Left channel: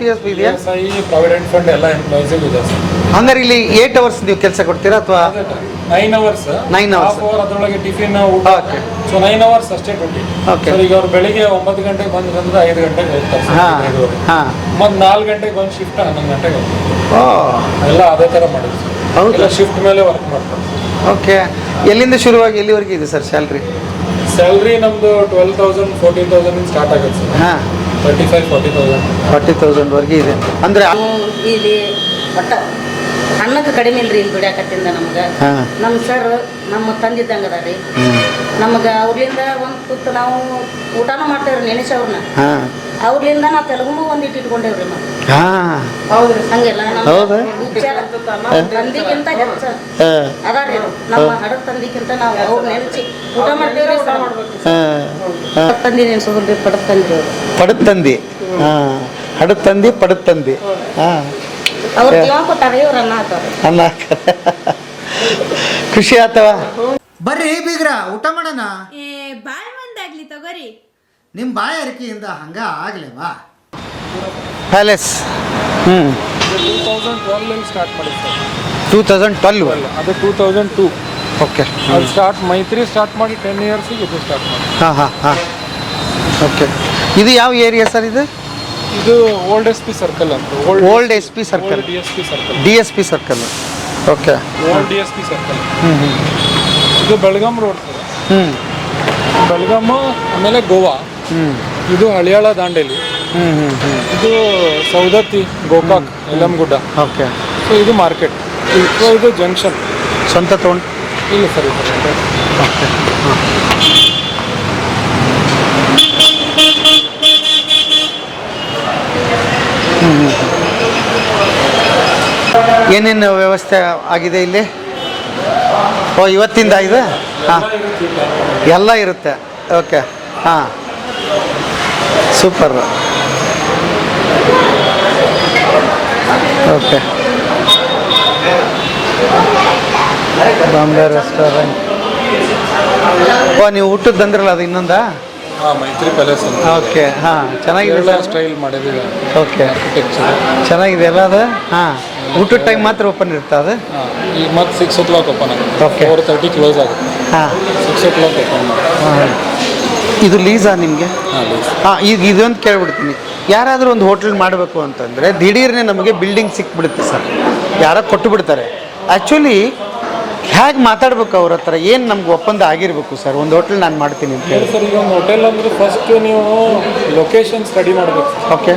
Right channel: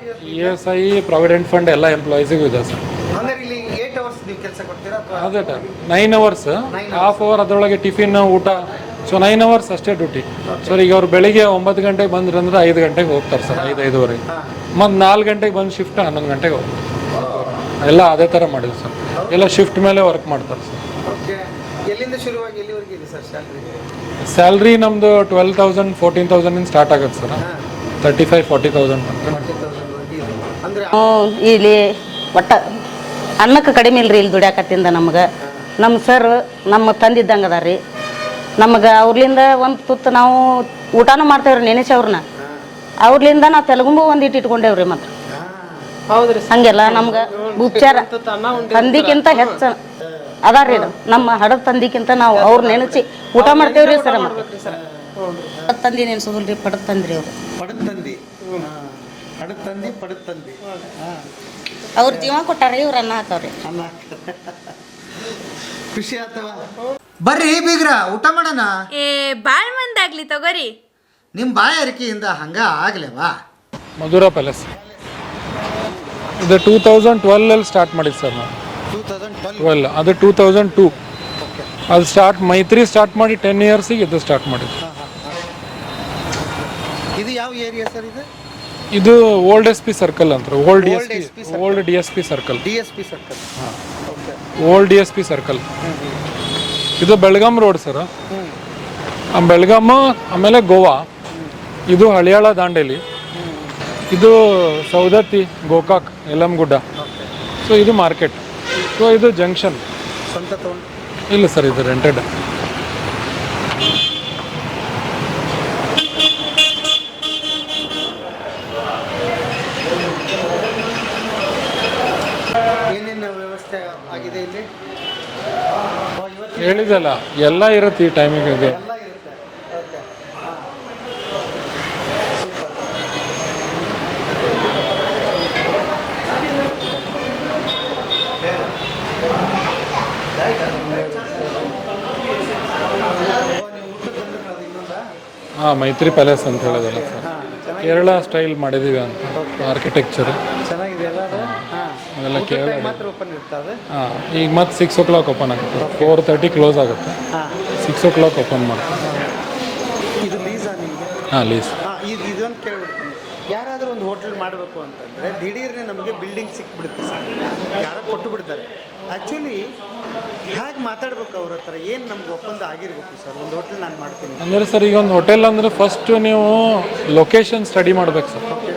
P F ಇದೆಯಾ? ESI provident fund ಎಲ್ಲ ಎಂಪ್ಲಾಯೀಸಿಗೂ ಇದೆ ಸರ್. ಹಂಗಾರೆ ಇಲ್ಲಿ 8 ಅವರ್ಸ್ ನೀವು ಕೆಲಸ ಕೊಡ್ತೀರಾ ಅಥವಾ 9 ಅವರ್ಸ್? 9 hours. ಹಾಫ್ ಅವರ್ ಅದರೊಳಗೆ ಟಿಫಿನ್ ಊಟ. ಸೊ 9 ಅವರ್ಸ್ ಅಷ್ಟೇ ಡ್ಯೂಟಿ. Okay. ಸರ್ ಈಗ ಅವ್ರು ಬೆಳಿಗ್ಗೆ 9 ಗಂಟೆಗೆ ಬಂದ್ರಂದ್ರೆ 5 ಗಂಟೆಗೆ ಹೋಗ್ತಾರೆ ಸರ್, 5:30. ಮತ್ತೆ 4 ಗಂಟೆಗೆ ಬಂದು ಶಿಫ್ಟ್ 11 ಗಂಟೆಗೆ ಹೋಗ್ತಾರೆ. ಎಲ್ಲ ಅದೇ ಥರ ಮಾಡಿದ್ರು ಸರ್. ಎಲ್ಲ ಶಿಫ್ಟ್ ಮೇಲೆ ವರ್ಕ್ ಮಾಡ್ತಾರೆ ಸರ್. ಓಕೆ. ಎಲ್ಲಿಂದ ಶುರುವಾಗಿ ಎಲ್ಲಿವರೆಗೆ ಇದೆ ಸರ್ ಸ್ಯಾಲ್ರಿ? ಸ್ಯಾಲ್ರಿ ನಮ್ಮದು 12,000 14,000 ಸ್ಟಾರ್ಟ್ ಆಗುತ್ತೆ ಸರ್. 35,000 40,000 ವರೆಗೆ ಇದೆ. ಅಂದರೆ ಇಲ್ಲಿ ಒಟ್ಟ ಅನ್ನಕ್ಕೆ ಕಡಿಮೆ ಇಲ್ರಿ ಇಲ್ಲಿ ಗುಡಿಯಾಕತ್ತಿಂದ ನಮ್ಗೆ. ನಮ್ಮ ಸರ್ ನಮ್ಮ ತಂದಿದ್ದಂಗೆ ಅದ ರೀ. ನಮಗೆ ಅವ್ರಲಿಂದ ಒಂದು ತುತ್ತು ನಾವು ಊಟನೂ ಮಾಡ್ತೇವ್ರಿ, ನೆನೆಸಿ ಅವ್ರನ್ನ. ಅವ್ರಲಿಂದ ನಾವು ತೆಲುಗುಂಬು ಒಂದು ಇಟ್ಕೊಂಡೇವ್ರಿ. ಮತ್ತೆ ಹಂಗೆಲ್ಲ ನಮ್ಮ ಉಪಚಾರ ತಂದಿಕ್ಕಿಂತ ಹೆಚ್ಚ ಅದಾರಿ. ನಮ್ಮ ಹಡದ ತಂದಿಕ್ಕಿಂತ ನಾವು ಅವ್ರ ನೆನೆಸಿ ಊಟ ಮಾಡ್ತೇವ್ರಿ ಸರ್. ತಂದಿ ನೆನೆಸೋದ್ರಿ, ಪಡದ ತಂದಿ ಅವ್ರು. ಪಡದ ತಂದಿ, ಹಡದ ತಂದಿ, ಪಡದ ತಂದಿ. ಅವ್ರ ಜೀವ ಕೊಟ್ಟಾರ, ಇವ್ರ ಅನ್ನ ಹಾಕವ್ರಿ. ಅನ್ನ ಖುಷಿ ಆತವ. ಬರ್ರಿ ಬೀಗ್ರ ಊಟ ಮಾಡೋಣ. ಬಾಳ್ ಮಂದಾಗ್ಲಿ ತಗೋರಿ. ನಿಮ್ಮ ಬಾಯ ಅರಿಕೆಯಿಂದ ಹಂಗ ಆಗ್ಲೇವಾ? ಮಧುರಾ ಪ್ಯಾಲೇಸ್. ಇದು 2012 ಸ್ಟಾರ್ಟ್ ಮಾಡಿದ್ದು ಸರ್. 2012? ಅದು 2002. ಓಕೆ. ಅದು ಮೈತ್ರಿ ಸ್ಟಾರ್ಟ್ ಮಾಡಿ 10 ಇಯರ್ಸಿಗೆ ಇದು ಸ್ಟಾರ್ಟ್ ಮಾಡಿ. ಓಕೆ. ಇದು ಯಾವ ಏರಿಯಾ ಸರ್ ಇದು? ಇದು ಓಲ್ಡ್ SP ಸರ್ಕಲ್ ಅಂತ. Old SP circle. DSP circle. Okay. Old DSP circle. ಇದು ಬೆಳಗಾಂ ರೋಡ್ ಸರ್. ಬೆಳಗಾಂ ಆಮೇಲೆ ಗೋವಾ. ಇದು ಹಳಿಯಾಳ ದಾಂಡೇಲಿ. ಇದು ಸೌದತ್ತಿ, ಗೋಕಾಕ್, ಯಲ್ಲಮ್ಮಗುಡ್ಡ. ಓಕೆ. ಸೊ ಇದು ಮಾರ್ಕೆಟ್. ಇದು ಜಂಕ್ಷನ್. ಸ್ವಂತ ತೊಗೊಂಡು? ಇಲ್ಲ ಸರ್, ಇದು ರೆಂಟೆಡ್. ಓಕೆ. ಏನೇನು ವ್ಯವಸ್ಥೆ ಆಗಿದೆ ಇಲ್ಲಿ? ಇವತ್ತಿಂದ ಇದೆ? ಎಲ್ಲ ಇರುತ್ತೆ ಈ ಟೈಮಿಗೆ. ಎಲ್ಲ ಇರುತ್ತೆ. Okay. Super. Okay. Bombay restaurant. ನೀವು ಊಟದ್ದು ಅಂದ್ರಲ್ಲ, ಅದು ಇನ್ನೊಂದಾ? ಮೈತ್ರಿ ಪ್ಯಾಲೇಸ್ ಅಂತ. ಓಕೆ. ಚೆನ್ನಾಗಿದೆ, ಸ್ಟೈಲ್ ಮಾಡಿದ್ದೀವಿ. ಓಕೆ. ಆರ್ಕಿಟೆಕ್ಚರ್ ಚೆನ್ನಾಗಿದೆ ಅಲ್ಲ ಅದು? ಊಟದ ಟೈಮ್ ಮಾತ್ರ ಓಪನ್ ಇರುತ್ತೆ ಅದು? ಈಗ ಮತ್ತೆ 6 o'clock ಓಪನ್ ಆಗುತ್ತೆ. ಓಕೆ. 4:30 ಕ್ಲೋಸ್ ಆಗುತ್ತೆ. 6 o'clock ಓಪನ್ ಮಾಡಿ. ಇದು ಲೀಸಾ ನಿಮಗೆ? ಲೀಸ್. ಈಗ ಇದೊಂದು ಕೇಳ್ಬಿಡ್ತೀನಿ. ಯಾರಾದರೂ ಒಂದು ಹೋಟೆಲ್ ಮಾಡಬೇಕು ಅಂತಂದರೆ ದಿಢೀರ್ನೇ ನಮಗೆ ಬಿಲ್ಡಿಂಗ್ ಸಿಕ್ಬಿಡುತ್ತೆ ಸರ್, ಯಾರೋ ಕೊಟ್ಟು ಬಿಡ್ತಾರೆ. ಆ್ಯಕ್ಚುಲಿ ಹೇಗೆ ಮಾತಾಡ್ಬೇಕು ಅವ್ರ ಹತ್ರ? ಏನು ನಮ್ಗೆ ಒಪ್ಪಂದ ಆಗಿರ್ಬೇಕು ಸರ್? ಒಂದು ಹೋಟೆಲ್ ನಾನು ಮಾಡ್ತೀನಿ ಅಂತ ಹೇಳಿ ಸರ್. ಈಗ ಒಂದು ಹೋಟೆಲ್ ಅಂದರೆ ಫಸ್ಟ್ ನೀವು ಲೊಕೇಶನ್ ಸ್ಟಡಿ ಮಾಡಬೇಕು ಸರ್. ಓಕೆ.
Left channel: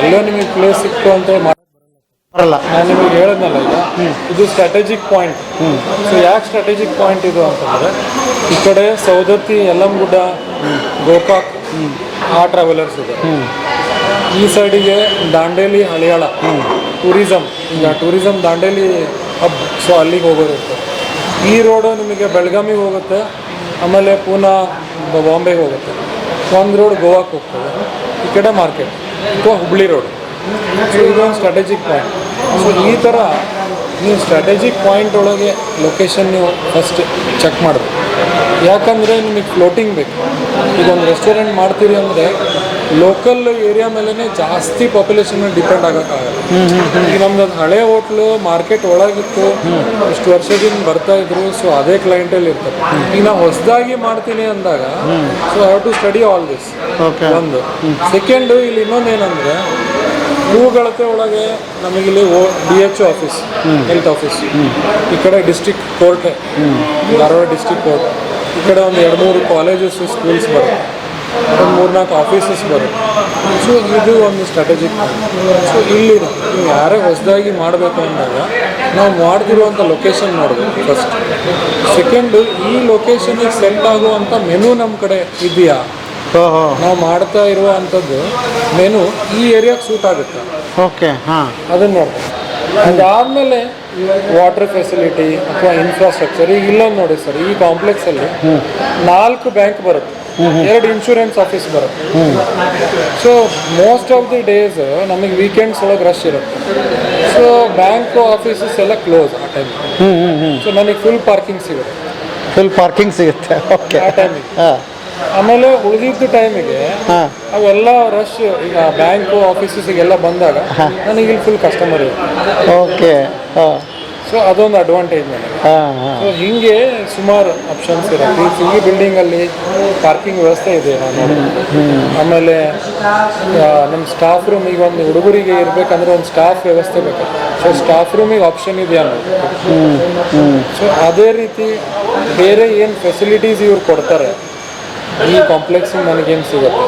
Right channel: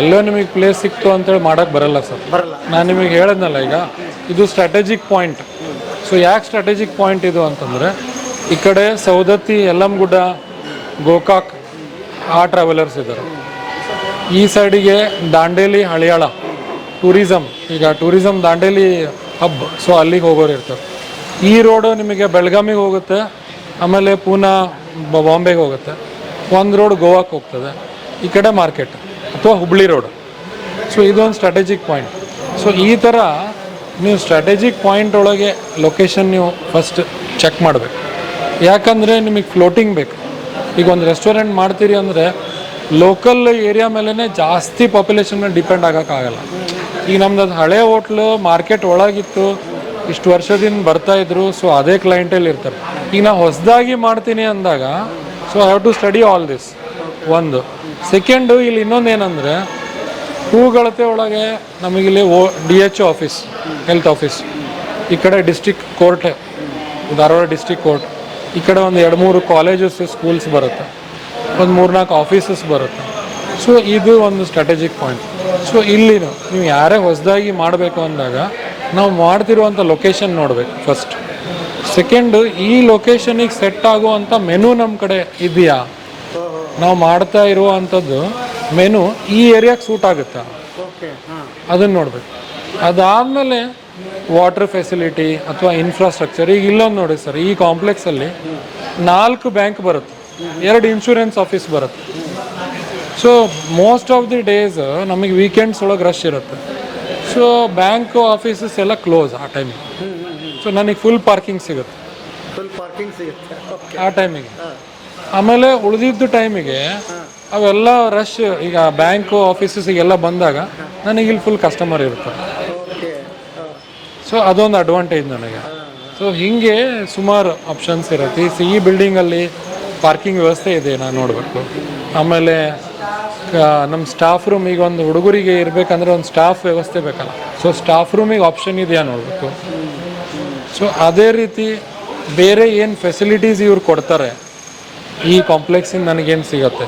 ಎಲ್ಲೋ ನಿಮಗೆ ಪ್ಲೇಸ್ ಸಿಕ್ತು ಅಂತ ಮಾಡೋಕ್ಕೆ ಬರಲ್ಲ ಸರ್. ಬರಲ್ಲ. ನಾನು ನಿಮಗೆ ಹೇಳಿದ್ನಲ್ಲ ಈಗ, ಇದು ಸ್ಟ್ರಾಟಜಿಕ್ ಪಾಯಿಂಟ್. ಸೊ ಯಾಕೆ ಸ್ಟ್ರಾಟಜಿಕ್ ಪಾಯಿಂಟ್ ಇದು ಅಂತಂದರೆ, ಈ ಕಡೆ ಸೌದತ್ತಿ, ಯಲ್ಲಮ್ಮಗುಡ್ಡ, ಗೋಕಾಕ್ ಆ ಟ್ರಾವೆಲರ್ಸ್ ಇದ್ದಾರೆ. ಈ ಸೈಡಿಗೆ ದಾಂಡೇಲಿ, ಹಳಿಯಾಳ ಟೂರಿಸಮ್. ಈಗ ಟೂರಿಸಮ್ ದಾಂಡೇಲಿ ಹಬ್, ಸೊ ಅಲ್ಲಿಗೆ ಹೋಗೋರು ಇರ್ತಾರೆ. ಈ ರೋಡು ನಿಮಗೆ ಬೆಳಗಾಮಿಗೆ ಹೋಗುತ್ತೆ, ಆಮೇಲೆ ಪೂನಾ, ಬಾಂಬೆಗೆ ಹೋಗುತ್ತೆ. ಒಂದು ರೋಡ್ ಗೋವಾಕ್ಕೆ ಹೋಗ್ತದೆ, ಈ ಕಡೆ ಮಾರ್ಕೆಟ್ ಅಥವಾ ಹುಬ್ಳಿ ರೋಡ್. ಸೊ ಇದು ಒಂದು ಸ್ಟ್ರಾಟಜಿಕ್ ಪಾಯಿಂಟ್. ಸೊ ಈ ಥರ ನೀವು ಸ್ಟ್ರಾಟಜಿಕ್ ಪಾಯಿಂಟ್ ಒಳಗೆ ಲೊಕೇಶನ್ ನೀವು ಫಸ್ಟ್ ಚೆಕ್ ಮಾಡಬೇಕು. ಯಾಕಂದರೆ ನಿಮಗೆ ಫ್ಲೋಟಿಂಗ್ ಬೇಕು. ಈಗ ಒಂದು ರೆಸ್ಟೋರೆಂಟ್ ಮಾಡ್ತೀರಿ ಅಂದರೆ ಲೋಕಲ್ ಏರಿಯಾ ಮೇಲೇ ಜಾಸ್ತಿ ಪಾಪ್ಯುಲೇಷನ್ ಮೇಲೆ ಡಿಪೆಂಡ್ ಆಗೋಕ್ಕಾಗಲ್ಲ. ಈಗ ನಮ್ದು ಅದು ಹಳೆ ಹೋಟ್ಲು ಮಾರ್ಕೆಟ್ ಒಳಗಿತ್ತು, ಇಷ್ಟು ವರ್ಷದಿಂದ ಬರ್ತಾ ಇದ್ರು. ಸೊ ಅದೇ ಕ್ಲೈಂಟಲ್ಲಿ ಇರ್ತಾರೆ. ಈಗ ನಾವು ಹೊಸದಾಗಿ ಮಾಡ್ತೀನಿ ಅಂದಾಗ so have to study all this. ಒಂದು. ಸೆಕೆಂಡು, ಇಲ್ಲಿ ಇನ್ನೊಂದೇನೆಂದರೆ ಮೂಗಳತೆ ಒಳಗೆ ನಮಗಿಲ್ಲಿ DHO ಆಫೀಸ್, ಹೆಲ್ತ್ ಆಫೀಸ್. ಈ ಕಡೆ district court, Dharwad district court. ಈ ಕಡೆ ಒಂದು 2-3 ಕಾಲೇಜಸ್, ಸ್ಕೂಲ್ಸ್ ಬರುತ್ತೆ, ಒಂದು 3-4 ಆಫೀಸಸ್ ಬರುತ್ತೆ. ಸೊ ಇದು ಒಂದು ಸ್ಟ್ರಾಟಜಿಕ್ ಪಾಯಿಂಟ್. ಸೊ ಇಲ್ಲಿ ನೀವು ಯಾರೇ ಹೊಸದಾಗಿ ಮಾಡಬೇಕು ಅಂದಾಗ ನಾವು ಮಾಡ್ತಿರುವಂಥ ಲೊಕೇಶನ್ ನೋಡಬೇಕು ಫಸ್ಟ್. ಸೆಕೆಂಡು, ಈ ಲೊಕೇಶನಿಗೆ ಸೆಟ್ ಆಗುವಂಥ ಮೆನು ನಮ್ಮ ಕಡೆ ಇದೆಯಾ? ನಾವು ಮಾಡ್ತಾ ಇರುವಂಥದ್ದು ಮೆನು ಈ ಏರಿಯಾಗೆ ಸೂಟ್ ಆಗುತ್ತೆ. ಓಕೆ. ಅದನ್ನು ನೋಡ್ಬೇಕು. ಅದಾದಮೇಲೆ ವಾಟರ್ ಫೆಸಿಲಿಟಿ ಅಥವಾ ಇನ್ಫ್ರಾಸ್ಟ್ರಕ್ಚರ್. ಈಗ ಇಲ್ಲೊಂದು ನೋಡಿ ಸರ್, ಈ ಕಾಂಪ್ಲೆಕ್ಸಲ್ಲಿ 4 ಬ್ಯಾಂಕ್ ಬರುತ್ತೆ, 2 ಇನ್ಶೂರೆನ್ಸ್ ಆಫೀಸ್ ಬರುತ್ತೆ. So most of the days ನಮಗೆ ವೀಕೆಂಡ್ಸ್ ಒಳಗೆ ರಶ್ ಇರುತ್ತೆ. ಸೊ ಬ್ಯಾಂಕ್ ಆಫೀಸಸ್ ಎಲ್ಲ ಕ್ಲೋಸ್ ಆ ಟೈಮ್. ಸೊ ನನಗೆ ಫುಲ್ ಪಾರ್ಕಿಂಗ್ ಸಿಗುತ್ತೆ. ಓಕೆ. ಆ ಟೈಮಿಗೆ. ಆಮೇಲೆ ಉಳಿದಿದ್ದ ಟೈಮಿಗೆ ಹಾಂ ಅವೆಲ್ಲ ರಶ್ ಈಗ ಬ್ಯಾಂಕು ಆಫೀಸಸ್ಗೆಲ್ಲ ಬಂದಾಗ ನನಗೆ ಇಲ್ಲಿ ಫುಲ್ ಕಸ್ಟಮರ್ ಇರುತ್ತೆ. ಓಕೆ ಹಾಂ ಸೊ ಅದೊಂದು ಅಡ್ವಾಂಟೇಜ್ ನನಗೆ. ಹಾಂ ಹಾಂ ಸೊ ಹಿಂಗೆ ಸುಮಾರು ಆಪ್ಷನ್ಸ್ ಇರುತ್ತೆ. ಈ ಬಿಲ್ಡಿಂಗಲ್ಲಿ ಪಾರ್ಕಿಂಗ್ ವ್ಯವಸ್ಥೆ ಇದೆ ನಾನು ನೋಡಬೇಕು. ಆಮೇಲೆ ನಮ್ಮ ಸ್ಟಾಫ್ ರೂಮ್ ಈಗ ಒಂದು ಹುಡುಗರಿಗೆ ಇರಬೇಕಂದ್ರೆ ಒಂದು ಸ್ಟಾಫ್ ವ್ಯವಸ್ಥೆ ಬೇಕಾಗುತ್ತೆ. ಸೊ ಸ್ಟಾಫ್ ರೂಮಿಗೆ ಆಪ್ಷನ್ ಇದೆಯಾ ನೋಡಬೇಕು. ಸೊ ಅದೇ ರೀತಿ ಬೇರೆ ಏನು ಫೆಸಿಲಿಟೀಸ್ ಇವ್ರು ಕೊಡ್ತಾರೆ ಈ ಕಾಂಪ್ಲೆಕ್ಸಿಗೆ ನನಗೇನು ಸಿಗುತ್ತೆ,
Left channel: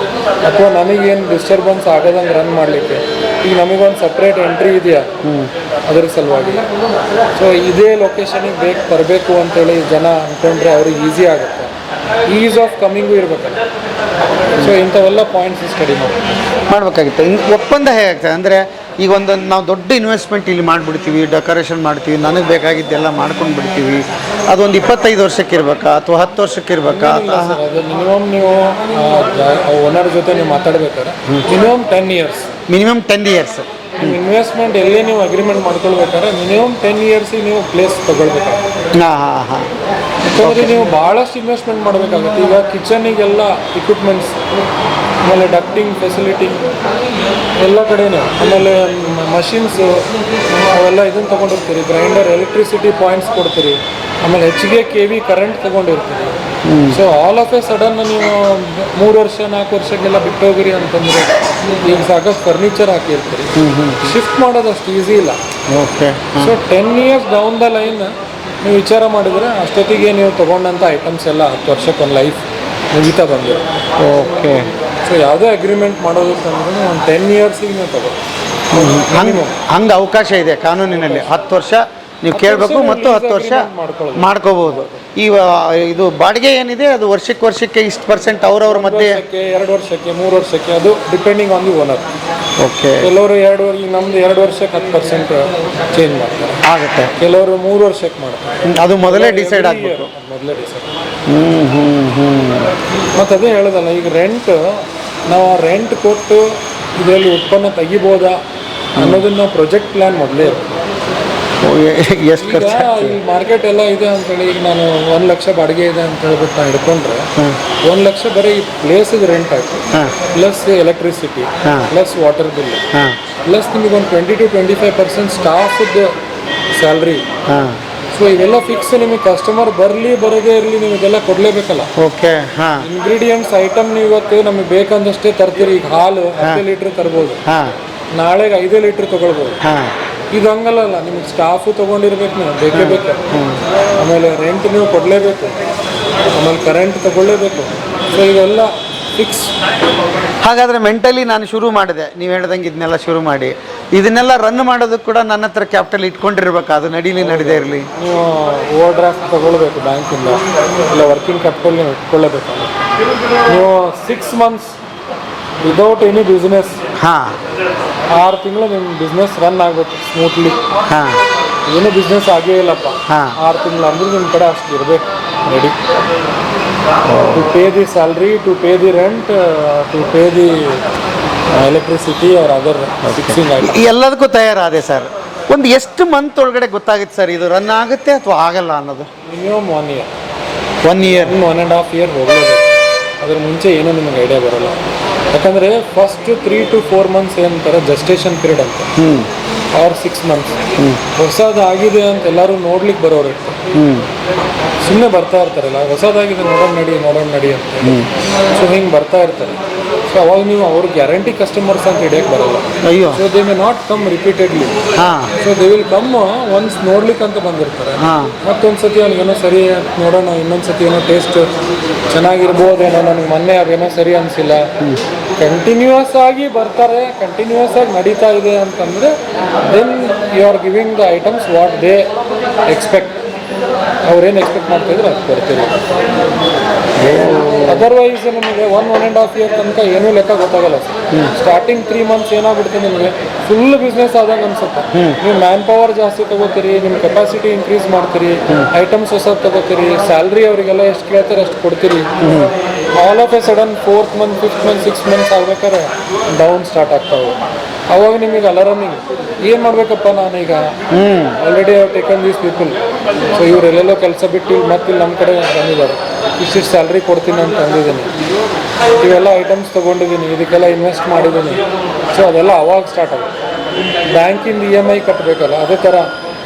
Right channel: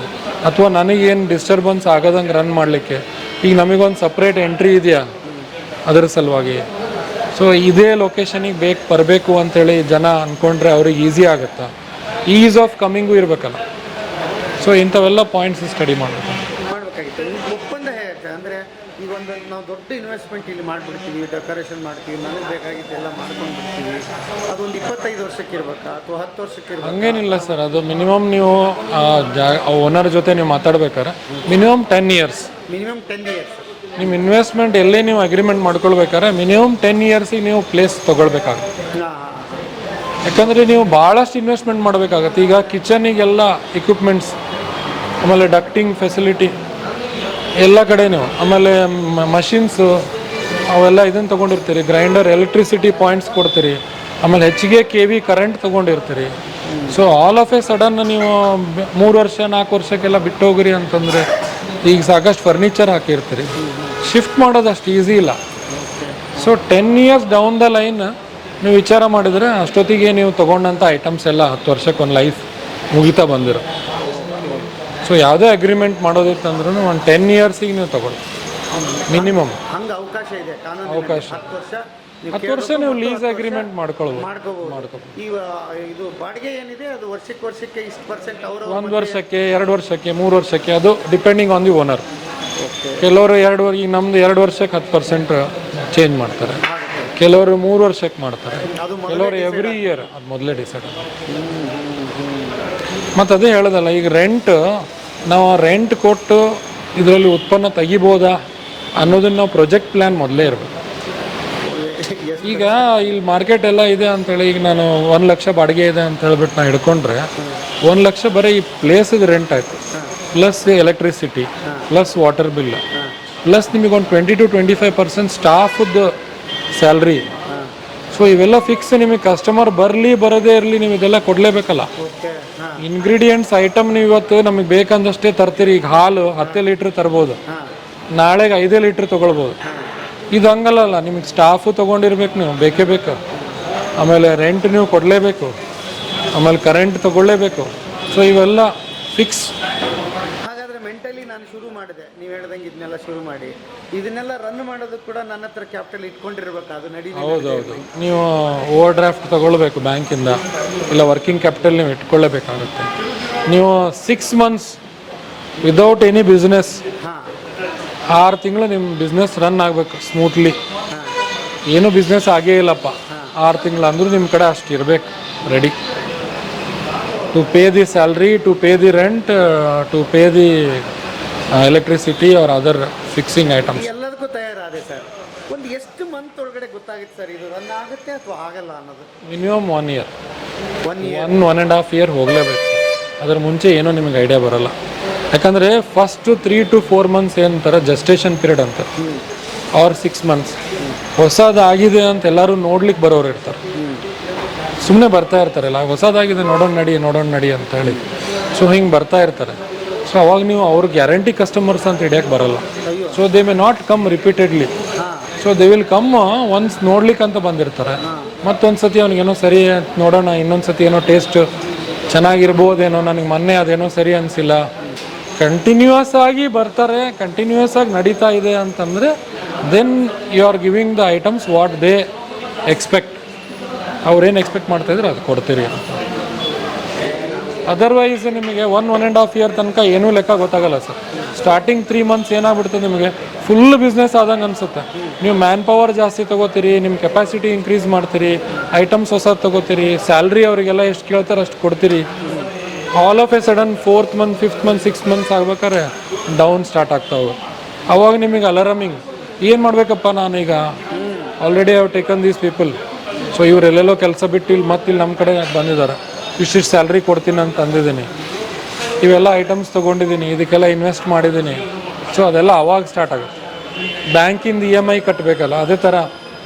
ಅಥವಾ ನನಗೇನು ಡಿಸ್ಟರ್ಬೆನ್ಸ್ ಆಗೋದಂಗೆ ರನ್ ಮಾಡಲಿಕ್ಕೆ ಈಗ ನಮಗೊಂದು ಸಪ್ರೇಟ್ ಎಂಟ್ರಿ ಇದೆಯಾ ಅದರ ಸಲುವಾಗಿ. ಸೊ ಇದೇ ಲೊಕೇಶನಿಗೆ ಬರಬೇಕು ಅಂತೇಳಿ ಜನ ಅಂದ್ಕೊಂಡ್ರೆ ಅವ್ರಿಗೆ ಈಸಿ ಆಗುತ್ತೆ. ಈಸ್ ಆಫ್ ಕಮ್ಮಿಂಗು ಇರಬೇಕಲ್ಲ. ಸೊ ಇಂಥವೆಲ್ಲ ಪಾಯಿಂಟ್ಸ್ ಸ್ಟಡಿ ಮಾಡಬೇಕಾಗಿತ್ತು. ಒಪ್ಪಂದ ಹೇಗಾಗ್ತದೆ ಅಂದರೆ ಈಗ ಒಂದು ನಾವು ದೊಡ್ಡ ಇನ್ವೆಸ್ಟ್ಮೆಂಟ್ ಇಲ್ಲಿ ಮಾಡಿಬಿಡ್ತೀವಿ, ಡೆಕೋರೇಷನ್ ಮಾಡ್ತೀವಿ, ನನಗೆ ಬೇಕಾಗಿದ್ದೆಲ್ಲ ಮಾಡ್ಕೊಂಡು ಬಿಡ್ತೀವಿ. ಅದೊಂದು 25 ವರ್ಷಕ್ಕೆ ಇರಬೇಕಾ ಅಥವಾ 10 ವರ್ಷಕ್ಕೆ ಇರಬೇಕಾ? ಸರ್, ಅದು ಮಿನಿಮಮ್ ನೀವು ಓನರ್ ಜೊತೆ ನೀವು ಮಾತಾಡ್ಬೇಕಾದ್ರೆ ಮಿನಿಮಮ್ 10 ಇಯರ್ಸ್. Minimum 10 years. ನಿಮ್ಮ ಇನ್ವೆಸ್ಟ್ಮೆಂಟ್ ಎಲ್ಲೇ ನೀವು ಅಗ್ರಿಮೆಂಟ್ ಮಾಡ್ಕೊಳ್ಬೇಕಾದ್ರೆ ಮಿನಿಮಮ್ 10 ಇಯರ್ಸಿಗೆ ನೀವು ಪ್ಲೇಸ್ ತೊಗೊಳ್ಬೇಕಾಗುತ್ತೆ. ಹಾಂ ಹಾಂ ಹಾಂ ಯಾಕಂದರೆ ನೀವು ಭಾಳಷ್ಟು ಇನ್ವೆಸ್ಟ್ಮೆಂಟ್ ಮಾಡಬೇಕಾಗುತ್ತೆ. ಈಗ ಕಿಚನಿಗೆಲ್ಲ ಇಕ್ವಿಪ್ಮೆಂಟ್ಸ್, ಆಮೇಲೆ ಡಕ್ಟಿಂಗ್ ಫೆಸಿಲಿಟಿ ಎಲ್ಲ ಕಡೆನೂ, ಆಮೇಲೆ ಮಷಿನ್ಸು ಅವೆಲ್ಲ ಇದನ್ನು ತೊಗೊಂಡಿರ್ತೀರಿ, ಗ್ರೈಂಡರ್, ಎಲೆಕ್ಟ್ರಿಸಿಟಿ ಪಾಯಿಂಟ್ಸ್ ಕೊಡ್ತೀರಿ, ಆಮೇಲೆ ಹೆಚ್ಚಿಗೆ KV ಕರೆಂಟ್ ತೊಗೊಂಡಿರ್ತೀರಿ. So all of a sudden ನೀವು 3 ವರ್ಷ 4 ವರ್ಷಕ್ಕೆಲ್ಲ ಬಿಟ್ಟು ಹೋಗಿರಿ ಅಂತಂದರೆ ಈಗ ಸಾಕಷ್ಟು ಫರ್ನಿಚರ್ ಹಾಕಿರ್ತೀರಿ, ಶಿಫ್ಟ್ ಮಾಡೋದಷ್ಟು ಈಸಿ ಇಲ್ಲ. Okay. So 10 years down the line ನೀವು ವಿಚಾರ ಮಾಡಿದರೆ ಅಷ್ಟೊತ್ತಿಗೆ ನೀವು ತೊಗೊಂಡಂಥ ಐಟಮ್ಸ್ ಎಲ್ಲ 10 ವರ್ಷಕ್ಕೆ ಒಂದು ಲೈಫ್ ಮುಗಿತಾ ಬಂದಿರೋ. ಓಕೆ. ಸೊ ಯಾವುದೇ ಅಗ್ರಿಮೆಂಟ್ ಮಾಡೋದಕ್ಕಂದ್ರೂ ಒಂದು 10 ಇಯರ್ಸಿಗೆ ನೀವು ತಗೋ ಮಿನಿಮಮ್. ಹಂಗೆ ಅವಕಾಶ ಇದೆ ಕಾನೂನಿನಲ್ಲಿ. 10 ವರ್ಷ ನೀವು ಕೇಳಬೇಕು ಮತ್ತು 10 ವರ್ಷ ಮಾಡ್ಕೋಬಹುದು. ಈ ಇದು ಬಾಡಿಗೆ ಏನಿದೆ ಅದು ವರ್ಷಕ್ಕೆ ಇಷ್ಟು % ಅವ್ರವ್ರ ಮಧ್ಯೆ 2 ವರ್ಷಕ್ಕೆ 3 ವರ್ಷಕ್ಕೆ ಅದು depending on the owner. Okay. ಕೆಲವರು ಈಗ ನಮ್ದು 2 ವರ್ಷಕ್ಕೆ 10% ಚೇಂಜ್ ಮಾಡ್ತಾರೆ, ಆಗುತ್ತೆ. ಕೆಲವರು 3 ವರ್ಷಕ್ಕೆ ಮಾಡ್ತಾರೆ. ಅದು ಮೊದಲೇ ಡಿಸೈಡ್ ಆಗಬೇಕು. ಮೊದಲೇ ಡಿಸೈಡ್. ಮತ್ತು ಅದೇ ಹೇಳೋದಲ್ಲ, ಈಗ ನಾವು ರೆಂಟ್ ಕೊಟ್ಟು ಇದರಲ್ಲಿ ಉತ್ಪನ್ನ ತೆಗಿಬೋದಾ ಅನ್ನೋದನ್ನ ನಾವು ಪ್ರಾಜೆಕ್ಟ್ ಪ್ಲ್ಯಾನ್ ಮೊದಲೇ ಇರುತ್ತೆ. ಎಷ್ಟು ಈಗ ಈ ಮಾರ್ಕೆಟ್ ಎಲ್ಲ ಇದೆ ಅಂತೇಳಿ ಈಗ ನಾನು 1 ಲಕ್ಷ ಬಾಡಿಗೆ ಇದೆ ಅಂತ ಹೇಳ್ಬಿಟ್ಟು ನಾನು ಹಿಡ್ಕೊಂಡ್ರೆ 1 ಲಕ್ಷ ಬರೀ ಈ ಪ್ಲೇಸಿಗೆ ರೆಂಟ್ ಆಯ್ತು, plus electricity, plus water bill, plus ನಿಮಗೆ ಒಂದು 20 to 25% ಸ್ಟಾಫದ್ದು ಸ್ಯಾಲ್ರಿ. ಸೊ ಇವೆಲ್ಲ ಫಿಕ್ಸ್. ನಿಮಗೆ ಕಸ್ಟಮರ್ ಬರದೇ ಇರಲಿ, ನೀವು ಇದೆಲ್ಲ ಕೊಡಲೇಬೇಕಲ್ಲ. ಓಕೆ. ಇಂಗ್ರೀಡಿಯೆಂಟ್ಸ್ ಐಟಮ್ ನೀವು ಇವತ್ತು ನಮಗೆ ಬೇಕಂದಷ್ಟೇ ತರ್ತೀರಿ. ಈಗ ಹಾಲು 10 ಲೀಟ್ರ್ ತರ್ಬೋದು, ನಾಳೆಗೆ 5 ಲೀಟ್ರ್ ತೊಗೊಳ್ಬೋದು. ಇದು ಹಂಗಲ್ಲ, ನಿಮ್ಗೆ ಸ್ಟಾಫು ತೊಗೊಂಡಿರ್ಬೇಕು, ನೀವು ಬೇಕೇ ಬೇಕು. ಆಮೇಲೆ ರೆಂಟ್ ನೀವು ಕೊಡಲೇಬೇಕು, ಆಮೇಲೆ ಕರೆಂಟ್ ತೊಗೊಳ್ಳೇಬೇಕು. ಸೊ ಇವೆಲ್ಲ ಫಿಕ್ಸ್. ಹಾಗಾದರೆ ಮೆಂಟಲಿ ನಾನು ಶುರು ಮಾಡಿದೆ, ನೀವು ಹೇಳ್ದಂಗೆ ಇದನ್ನೆಲ್ಲ ಶುರು ಮಾಡಿ ಇದನ್ನೆಲ್ಲ ರನ್ ಮಾಡೋದಕ್ಕೆ ಕೂಡ ನನ್ನ ಹತ್ರ ಕ್ಯಾಪಿಟಲ್ ಇಟ್ಕೊಂಡಿರ್ಬೇಕು. ಅದು ನಡೀದೇ ಇರಲಿ. ನೀವು ಓವರ್ ಡ್ರಾಫ್ಟ್ ತೊಗೊಳ್ಬೇಕು ಬ್ಯಾಂಕಿಂದ, ಇಲ್ಲ ವರ್ಕಿಂಗ್ ಕ್ಯಾಪಿಟಲ್ ನೀವು ಇಟ್ಕೊಳ್ಳೇಬೇಕಾಗುತ್ತೆ. ನೀವು 6 months ವಿದೌಟ್ ಎನಿ ಬಿಸ್ನೆಸ್, 6 ತಿಂಗಳು ನಿಮ್ಮ ಬಿಸ್ನೆಸ್ ರನ್ ಆಗಬೇಕು ಸ್ಮೂತ್ಲಿ. ಏನು ಬಿಸ್ನೆಸ್ ಆಗೇ ಇಲ್ಲಪ್ಪ, 6 ತಿಂಗಳು ಅಂದ್ರೂ ನಿಮ್ಮ ಕಡೆ ಅಷ್ಟು ಇರಬೇಕು ready to pay the salary, to pay the rent, to pay the electricity or other fixing item. ಎಲ್ಲದಕ್ಕೂ ತಯಾರಾದೆ ಸರ್. ಒಂದು ಎಷ್ಟು ಮಂತ್ ಒಳಗಡೆ ಗೊತ್ತಾಗುತ್ತೆ ಸರ್ ಇದು ರನ್ ಆಗುತ್ತೆ ಅಥವಾ ಆಗಲ್ಲ ಅನ್ನೋದು? Minimum 1 year. 1 year, 1.5 year ಹೋಗಲೇಬೇಕು. ಅದ್ರ ಮುಂಚೆ ಏನೋ ನಿಮಗೆ ಐಡಿಯಾ ಬರೋಲ್ಲ. ಯಾಕಂದರೆ ಫಸ್ಟ್ 3 to 4 months ಏನಂತಾರೆ ಜಸ್ಟೇಷನ್ ಪೀರಿಯಡ್ ಅಂತ, ಆರ್ 6 months. ಹೊಸದಾಗಿದೆ ಅಂತ ಎಲ್ಲರೂ ನೋಡ್ಲಿಕ್ಕೆ ಬರೋರು ಇರ್ತಾರೆ, ಸುಮ್ಮನೆ ಬರ್ತಾ ಇರ್ತಾರಲ್ಲ, ಹೊಸದಾಗಿದೆ ನೋಡೋಣ ನಡಿ ಅಂತ ಹೇಳಿ. ಸೊ ಹಿಂಗೆ ಬರ್ತಾ ಇರ್ತಾರೆ. ಸೊ ಅವಾಗ ನೀವು ಅವ್ರ ಗ್ಯಾರಂಟಿ ಕಸ್ಟಮರ್ಸ್ ಅಂತ ಹಿಡಿಯಕ್ಕೆ ಬರೋಲ್ಲ. ಅಯ್ಯೋ. So they may not come repeatedly. So they will come once ನೋಡ್ಲಿಕ್ಕೆ ಅಂತ ಬಂದಿರ್ತಾರೆ. ಮತ್ತೊಂದು ಸತಿ ಅವ್ನಿಗೇನೋ ಸರಿ ನೋಡೋಣ, ಇನ್ನೊಂದು ಸತಿ ಏನೋ ಟೇಸ್ಟ್ ಚೆನ್ನಾಗಿರ್ಬೋದೇನೋ, ನನಗೆ ಮೊನ್ನೆ ಅದೇನೋ ಸರಿ ಅನಿಸಿಲ್ಲ. ಕಂಟಿನ್ಯೂಯಸ್ ಆಗಿ ಬರ್ತಾರೆ, ಕಂಟಿನ್ಯೂಯಸ್ ಆಗಿ ನಡೀತಾ ಇದೆ ಅಂತಂದರೆ then you are giving the items what they expect. ಅವ್ರೇನು ಎಕ್ಸ್ಪೆಕ್ಟ್ ಮಾಡ್ತಾಯಿದ್ರೆ ಅದು ಕೊಡ್ತೀರಿ. ಅದರ್ವೈಸ್ ನಿಮಗೆ 1.5 year ತನಕ ಏನೂ ಲೆಕ್ಕ ಗೊತ್ತಾಗಲ್ಲ ಸರ್. ಸ್ಟಾರ್ಟಿಂಗ್ 3 months ಏನಾಗ್ಬಿಡುತ್ತೆ ನಿಮಗೆ ಫುಲ್ ಬಿಸ್ನೆಸ್ ಆದಂಗೆ ಅನ್ಸುತ್ತೆ. ನೀವು ಮ್ಯಾನ್ ಪವರ್ ಜಾಸ್ತಿ ತಗೋತೀರಿ, ನಿಮ್ಮ ಕೆಪಾಸಿಟಿ ಇನ್ಕ್ರೀಸ್ ಮಾಡ್ತೀರಿ, ಐಟಮ್ಸ್ ಹೊಸದು ತಗೋತೀರಿ, ಸ್ಯಾಲ್ರಿ ಅವರಿಗೆಲ್ಲ ಎಷ್ಟು ಕೇಳ್ತಾರೆ ಅಷ್ಟು ಕೊಡ್ತೀರಿ. All of a sudden 4th month 5th month 6 months ಆಗ್ಬೇಕಾದ್ರೆ ಡೌನ್ ಸ್ಟಾರ್ಟ್ ಆಗ್ತಾವೆ. ಅವಾಗ ನಿಮಗೆ ಅಲಾರಮಿಂಗ್, ಏನು ಮಾಡಬೇಕಪ್ಪ ನಾನೀಗ, already taken these people. So ಇವರೆಲ್ಲೆಲ್ಲೋ ಕೆಲಸ ಬಿಟ್ಟು ಇಲ್ಲಿ ಮತ್ತೆ ಇಲ್ಲಿ ನಮ್ಮ ಕಡೆ ಬಂದಿದ್ದಾರೆ. ಇಷ್ಟಿಷ್ಟು ಸ್ಯಾಲ್ರಿ ಕೊಡ್ತೀನಿ ಅಂತ ಅಂದಿದ್ದೀನಿ, ಇವೆಲ್ಲ ಐಟಮ್ಸ್ ತೊಗೊಂಡಿದ್ದೀನಿ, ಇದಕ್ಕೆಲ್ಲ ಇನ್ವೆಸ್ಟ್ ಮಾಡಿದ್ದೀನಿ. ಸೊ ಅದೆಲ್ಲ ಅವಾಗ ಸ್ಟಾರ್ಟ್ ಆಗುತ್ತೆ. ಬ್ಯಾಂಕಿಂದ EMI ಕಟ್ಟಬೇಕಲ್ಲ, ಅದೇ ಥರ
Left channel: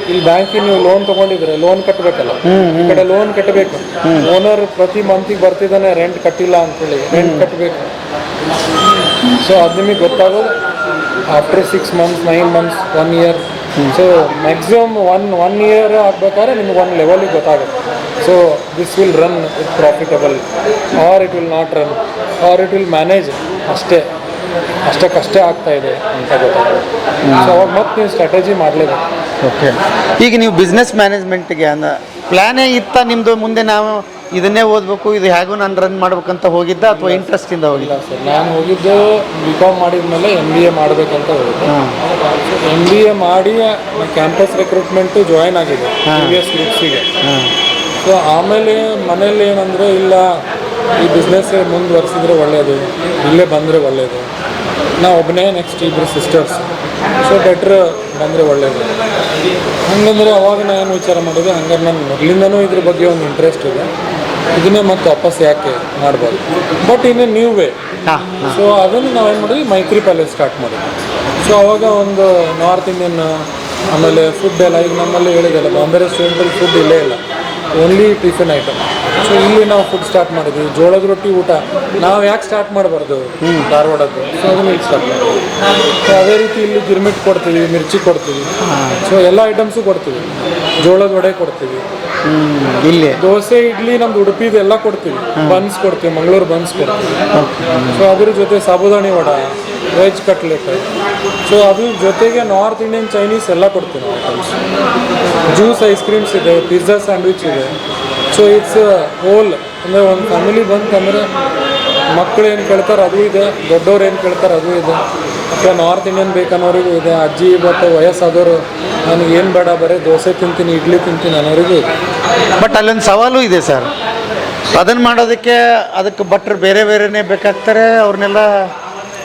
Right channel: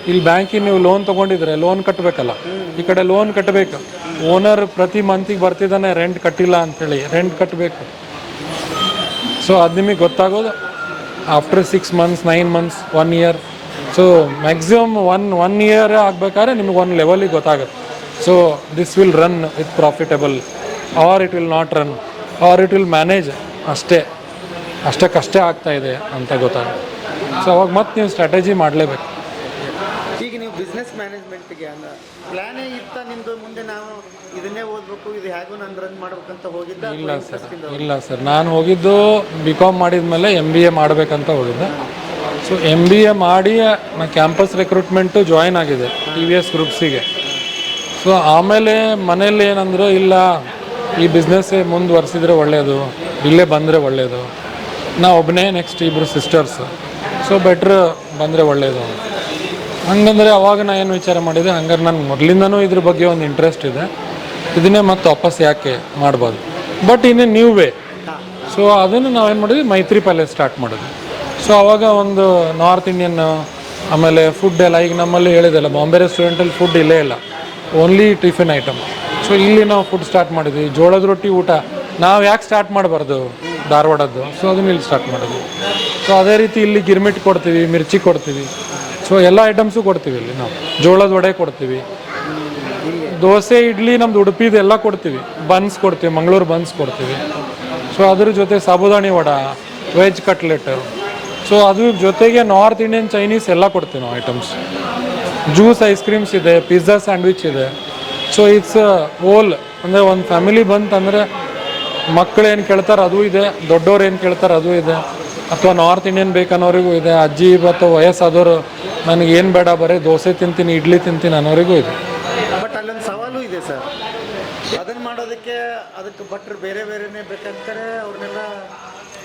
ಇಲ್ಲಿ ಬ್ಯಾಂಕಿಗೆ ನೀವು ಲೋನ್ ತೊಗೊಂಡಿದ್ರೆ ಲೋನ್ ಕಟ್ಟಬೇಕಲ್ಲ, ಈ ಕಡೆ ಲೋನ್ ಕಟ್ಟಬೇಕು. ಓನರ್ ಪ್ರತಿ ಮಂತಿಗೆ ಬರ್ತಿದ್ದಾನೆ ರೆಂಟ್ ಕಟ್ಟಿಲ್ಲ ಅಂತೇಳಿ ರೆಂಟ್ ಕಟ್ಟಬೇಕು. ಸೊ ಅದು ನಿಮಗೆ ಗೊತ್ತಾಗೋದು after 6 months, 9 months, 1 year. So maximum one year ಆಗಬೇಕಾದ್ರೆ ನಿಮ್ಗೆ ಒಂದು ಲೆವೆಲಿಗೆ ಗೊತ್ತಾಗುತ್ತೆ. So this will run it profitable or it will not run or it will manage, ಅಷ್ಟಕ್ಕಷ್ಟೇ ಆಗ್ತಾ ಇದೆ ಅಂತ ಗೊತ್ತಾಗುತ್ತೆ. ಸೊ ಅವಾಗ ಮತ್ತೆ ನೀವು ಸ್ಟ್ರಾಟಜಿ ಮಾಡಲೇಬೇಕು. ಓಕೆ, ಈಗ ನೀವು ಬಿಸ್ನೆಸ್ ಮ್ಯಾನೇಜ್ಮೆಂಟ್ಗೆ ಪ್ಲ್ಯಾನೇ ಇತ್ತ ನಿಮ್ಮದು, ಮುಂದೆ ನಾವು ಇದನ್ನೇ ಓದಬೇಕು, ಇದು ಹೇಗೂ ನಾನು ರನ್ ಮಾಡ್ಬೇಕಂತ ಹೋಗಿದ್ದ ಅಥವಾ ಇಂಟ್ರೆಸ್ಟಿಂದ ಹೋಗಿಲ್ಲ? ಇಲ್ಲ ಸರ್, ನಾನು ಹೋಗಿದ್ದು BCom ಮಾಡಿದ್ಮೇಲೆ MBA ಮಾಡಬೇಕಂತ ಹೋಗಿದ್ದು. ಸೊ MBA ಮಾಡಿ ಕ್ಯಾಂಪಸ್ ರಿಕ್ರೂಟ್ಮೆಂಟು ಜಾಯಿನ್ ಆಗಿದೆ previous ಗ್ರೂಪ್ಸಿಗೆ. ಸೊ ಆಮೇಲೆ ಮನೇಲಿ ಏನಂದರೆ, ಇಲ್ಲ ಈ ಬಿಸ್ನೆಸ್ ಮುಂದುವರಿಸಿದ್ರೆ ಒಳ್ಳೆಯದು, ಇಲ್ಲೇ ಬಂದರೆ ಒಳ್ಳೆಯದು, ನಾ ಒಬ್ಬನೇ, ನೆಕ್ಸ್ಟ್ ಇಬ್ಬರು ಸಿಸ್ಟರ್ಸ್, ಸೊ ಬೆಟ್ರ್ ಬಂದರೆ ಒಳ್ಳೆಯದು ಹಂಗಂದರೆ ಅವಾಗ ನಾನು ಏನು ವಿಚಾರ ಮಾಡಿದೆ, ಹಂಗಾರೆ ನಾನು ಮೊದಲಿಂದನೂ ಇದ್ರ ಬಗ್ಗೆ ಒಂದು ಇಂಟ್ರೆಸ್ಟ್ ಇದೆ, ಇದನ್ನೇ ಮತ್ತೆ ವಾಪಸ್ ಯಾಕೆ ಮಾಡ್ಬೋದು, but in a new way. So ಅದನ್ನು ನಾವೇನು ಮಾಡಿದ್ವಿ, ಮೈತ್ರಿ ಪ್ಯಾಲೇಸ್ ಸ್ಟಾರ್ಟ್ ಮಾಡಿದ್ವಿ. ಸೊ ಅವಾಗ ಒಂದು ನಾರ್ತ್ ಇಂಡಿಯನ್, ಆಮೇಲೆ ಫುಡ್ ಎಲ್ಲ, ಈಗ ನಮ್ಮಲ್ಲಿ ಹೇಳಿದೆಲ್ಲ ಬಾಂಬೆ ರೆಸ್ಟೋರೆಂಟಲ್ಲಿ ಫುಡ್ ಇಲ್ಲೇ ಇಲ್ಲ, ಓನ್ಲಿ ಟಿಫಿನ್ ಐಟಮ್. ಸೊ ಇಲ್ಲಿ ನಾವು ಫುಡ್ ಸ್ಟಾರ್ಟ್ ಮಾಡಿದ್ವಿ. ಜೋಳದ ರೊಟ್ಟಿ ಊಟ ನಾವು ಯಾಕೆ ಸ್ಟಾರ್ಟ್ ಮಾಡಬಾರ್ದು ಧಾರವಾಡದ್ದು, ಸೊ ಅದನ್ನ ಇಲ್ಲಿ ಸ್ಟಾರ್ಟ್ ಮಾಡಿದ್ವಿ. ಸೊ ಅದೇ ರೀತಿ ಇಲ್ಲಿ ಗಿರ್ಮಿಟ್ ಕೊಡ್ತೀವಿ, ಮಿರ್ಚಿ ಕೊಡ್ತೀವಿ, ಸೊ ಎಲ್ಲ ಐಟಮ್ಸು ಕೊಡ್ತೀವಿ. ಜೋಳದ ವಡೆ ಕೊಡ್ತೀವಿ, ಇಲ್ಲಿ ದೋಸೆ, ಇಡ್ಲಿ, ನಮ್ದು ಉಡುಪಿದು ಎಲ್ಲ ಕೊಡ್ತೀವಿ. ಬನ್ಸ್ ಕೊಡ್ತೀವಿ, ಮಂಗಳೂರು ಬನ್ಸ್ ಕೊಡ್ತೀವಿ. ಸೊ ಅದ್ರ ಜೊತೆ ಸಾಬುದಾಣಿ ವಡ, ವೆಜ್ ಕಟ್ಲೆಟ್, ಸೊ ಅದ್ರ ಜೊತೆಗೆ ನಾರ್ತ್ ಇಂಡಿಯನ್, ಚೈನೀಸ್ ಎಲ್ಲ ಕೊಡ್ತೀವಿ ನಾವು ಐಟಮ್ಸ್. ಜ್ಯೂಸ್, ಐಸ್ ಕ್ರೀಮ್ಸ್ ಇದೆ, ಪಿಜ್ಜಾ, ಸ್ಯಾಂಡ್ವಿಚ್ ಇದೆ. ಸೊ ಇಟ್ಸ್ ಹೋಲ್, ಅಂದರೆ ಒಂದು ಫ್ಯಾಮಿಲಿ ಬಂತಂದರೆ ಮಕ್ಕಳು ಏನು ಕೇಳ್ತಾರೆ ಅದು ಇದೆ, ದೊಡ್ಡವ್ರು ಏನು ಕೇಳ್ತಾರೆ ಅದು ಇದೆ, ಅಥವಾ ನಾರ್ತ್ ಇಂಡಿಯನ್ ಬೇಕನ್ನೋರಿಗೂ ಇದೆ, ಅಜ್ಜಿ ಮತ್ತು ವಯಸ್ಸಾದವರು ನನಗೆ ಏನು ಬೇಡ ಬರೀ ದೋಸೆ ತಿಂತೀನಿ, ಇಡ್ಲಿ ತಿಂತೀನಿ ಅನ್ನೋರಿಗೂ ಇದೆ. ಬಟ್ ಅಲ್ಲೊಂದು ಸವಾಲು ಇದೆ ಸರ್, ಅದನ್ನು ಮಾಡೋದಕ್ಕೆ ಅದಕ್ಕೆ ಭಟ್ರು ಬೇರೆ ಬೇರೆನೇ ಬೇಕಾಗ್ತಾರೆ, ಅವ್ರನ್ನೆಲ್ಲ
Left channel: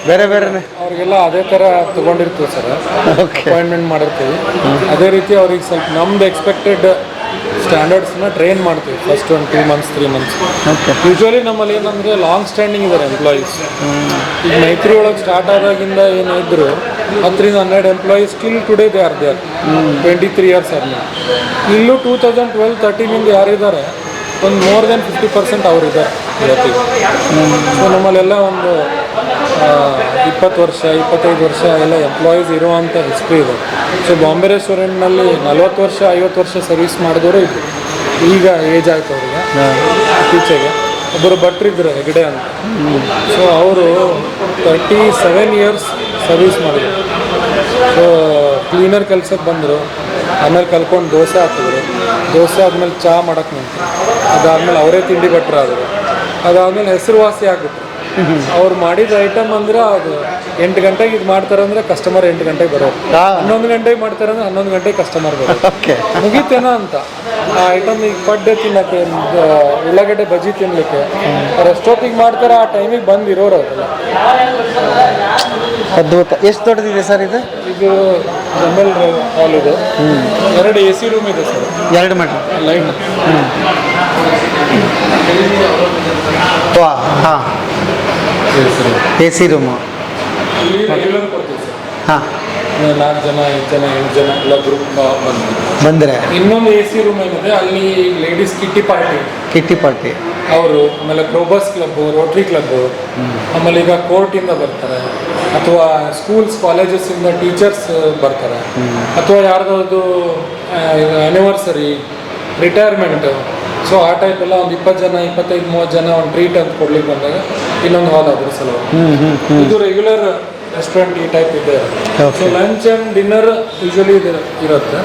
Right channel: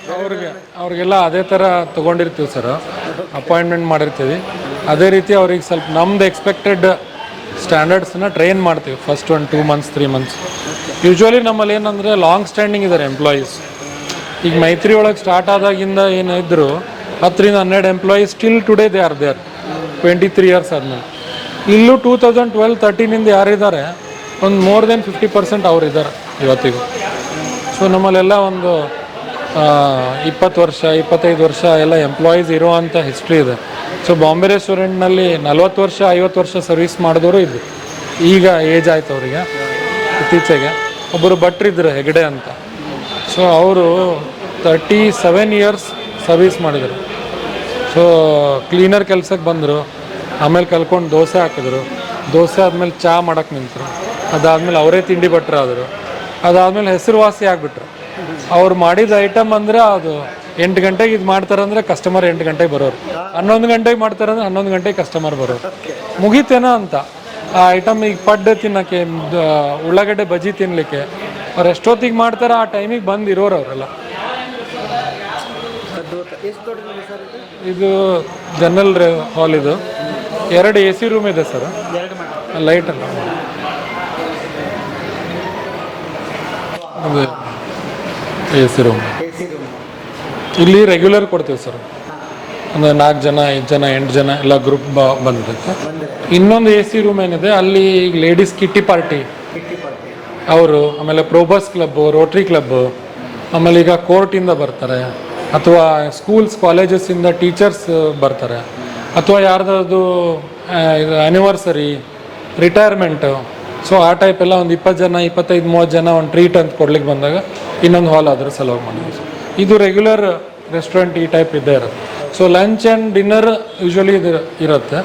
ಬೇರೆ ಬೇರೆನೇ, ಅವ್ರಿಗೆಲ್ಲ ಅದೇ ಥರ ತೊಗೊಂಡಿರ್ತೀವಿ ಸರ್, ಅಪಾಯಿಂಟ್ಮೆಂಟ್ ಮಾಡಿರ್ತೀವಿ. ಅದೇ ರೀತಿ ಅವ್ರಿಗೆ ಸ್ವಲ್ಪ ನಮ್ದು ಎಕ್ಸ್ಪೆಕ್ಟೆಡ್ ಸ್ಟ್ಯಾಂಡರ್ಡ್ಸ್ನ ಟ್ರೈನ್ ಮಾಡ್ತೀವಿ ಫಸ್ಟ್ ಒಂದು 2 months 3 months. ಯೂಶ್ವಲಿ ನಮ್ಮಲ್ಲಿ ಏನಂದರೆ ಲಾಂಗ್ ಸ್ಟ್ಯಾಂಡಿಂಗ್ ಇದ್ದಾರೆ ಎಂಪ್ಲಾಯೀಸ್. ಈಗ ಮೈತ್ರಿ ಒಳಗೆ ಸ್ಟಾರ್ಟ್ ಆದಾಗಿಂದ ಏನಿದ್ರು 10 ರಿಂದ 12 employees still today they are there 23 years ಆದ್ಮೇಲೆ. ಇಲ್ಲೂ 2012-13 ಯಾರಿದ್ದಾರೆ ಒಂದು ಮೋರ್ ದೆನ್ 50% ಅವರಿದ್ದಾರೆ ಇವತ್ತಿಗೆ. ಸೊ ನಮ್ಮಲ್ಲೆಲ್ಲ ಒಂದು 20 ವರ್ಷ 25 ವರ್ಷ ಎಲ್ಲ ಎಂಪ್ಲಾಯೀಸ್ ಇರುವಂಥ ಹಿಸ್ಟ್ರಿ ಇದೆ. ಸೊ ಬಾಂಬೆ ರೆಸ್ಟೋರೆಂಟ್ನಲ್ಲಿ 40 ವರ್ಷ 50 ವರ್ಷ ಸರ್ವಿಸ್ ಮಾಡಿದವರು ಇದ್ದರು. ಈಗ ಏಜ್ ಆಯ್ತು ಅವರಿಗೆ. ಇತ್ತೀಚೆಗೆ ಒಬ್ಬರು ಭಟ್ರಿದ್ರು ಹೆಗಡೆ ಅಂತ, ಸೊ ಅವರು 37 years ಸರ್ವಿಸ್ ಮಾಡಿದರು. ಸೊ ಕ್ಲೀನರ್ ಕೆಲಸಕ್ಕೆ ಬಂದರು, ಆಮೇಲೆ ಕಲ್ಕೊಂಡು ದೋಸೆ ಹಾಕಿದ್ರು, ದೋಸೆ ಆದಮೇಲೆ ಚಹಾ ಮಾಡೋಕ್ಕೆ ನಿಂತರು, ಅದಾದಮೇಲೆ ಅವರೇ ತಿಂಡಿ ಭಟ್ರಾದರು, ಅದಾದಮೇಲೆ ಹೆಸರುವಾಸಿ ಆಗಿಬಿಟ್ರು. ಅವ್ರು ಮಾಡಿದ ಐಟಮ್ ಅಂದರೆ ಅದು 8 ಗಂಟೆಗೆ ಇದು ಮಾಡ್ತಾರಂದ್ರೆ ಕಸ್ಟಮರ್ 8 ಗಂಟೆಗೆ ಬರೋರು, 11 ಗಂಟೆಗೆ ಮಾಡ್ತಾರಂದ್ರೆ 11 ಗಂಟೆಗೆ ಕಸ್ಟಮರ್ ಬರೋರು. ಮುಗಿತೇನೋ ಅಂತ ಆ ಐಟಮ್ ಈಗ ಪಡ್ಡೆ ತಿನ್ನೋಕ್ಕೆ, ಉಳ್ಳಾಗಡ್ಡೆ ಬಜ್ಜಿ ತಿನ್ನಲಿಕ್ಕೆ ಅವ್ರು ಎಷ್ಟೊತ್ತಿಗೆ ಮಾಡ್ತಾರೋ ಆ ಟೈಮಿಗೆ ಬಂದು ಇರೋರು ಅವರೆಲ್ಲ. ಅದ್ಭುತ. ಎಷ್ಟು ದೊಡ್ಡದಿದೆ ಸರ್ ಇದು? ಇದು ಜನರಲ್ ಹಾಲ್, ಇದು 2 AC ರೂಮ್ ಇದೆ ಸರ್, 2 ಮಟ್ಟ ಲೈಟ್. ಹಾಂ, AC ರೂಮ್, AC ರೂಮು ಇಲ್ಲಿ ರೆಗ್ಯುಲರ್ ಕೊಡ್ತೀವಿ ಸರ್. ಹಾಂ, 4 ಜನ 5 ಜನ 8 ಜನ ಎಲ್ಲ ಗ್ರೂಪ್ ಬಂದರೆ. ಇನ್ನೊಂದು AC ರೂಮ್ ಏನಿದೆ ಅಲ್ಲಿ ಲೇಡೀಸ್ ಕಿಟ್ಟಿ ಪಾರ್ಟಿ ಅವರು, ಆಮೇಲೆ ಪ್ರೋಬಸ್ ಕ್ಲಬ್, ರೋಟ್ರಿ ಕ್ಲಬ್, ಆಮೇಲೆ ಈಗ ಕೋರ್ಟಿಂದ ಬರ್ತಾರೆ, ಅಥವಾ ಸ್ಕೂಲ್ಸ್ ಕಾಲೇಜಸ್ಸಿಂದ ಟೀಚರ್ಸ್ ಬರ್ತಾರೆ, ಅಥವಾ ಯಾರ್ದಾದ್ರು ಆ್ಯನಿವರ್ಸರಿ, ರಿಟೈರ್ಮೆಂಟು, ಸೊ ಆ ಟೈಪ್ ಎಲ್ಲ ಒಂದು 20 ಜನ 25-30 ಜನ ಒಂದು ಟ್ರೀಟ್ ಅಂತ ಕೊಡ್ಲಿಕ್ಕೆ ಬಂದಾಗ ಇನ್ನೊಂದು ಹಾಲ್ ಅದ್ರ ಸಲುವಾಗಿ. ಇದು ರೆಗ್ಯುಲರ್ ರೆಸ್ಟೋರೆಂಟ್ ಈ ಟೈಪ್ ಇದೆ. So lunch and dinner usually ಇದು ಇರುತ್ತೆ.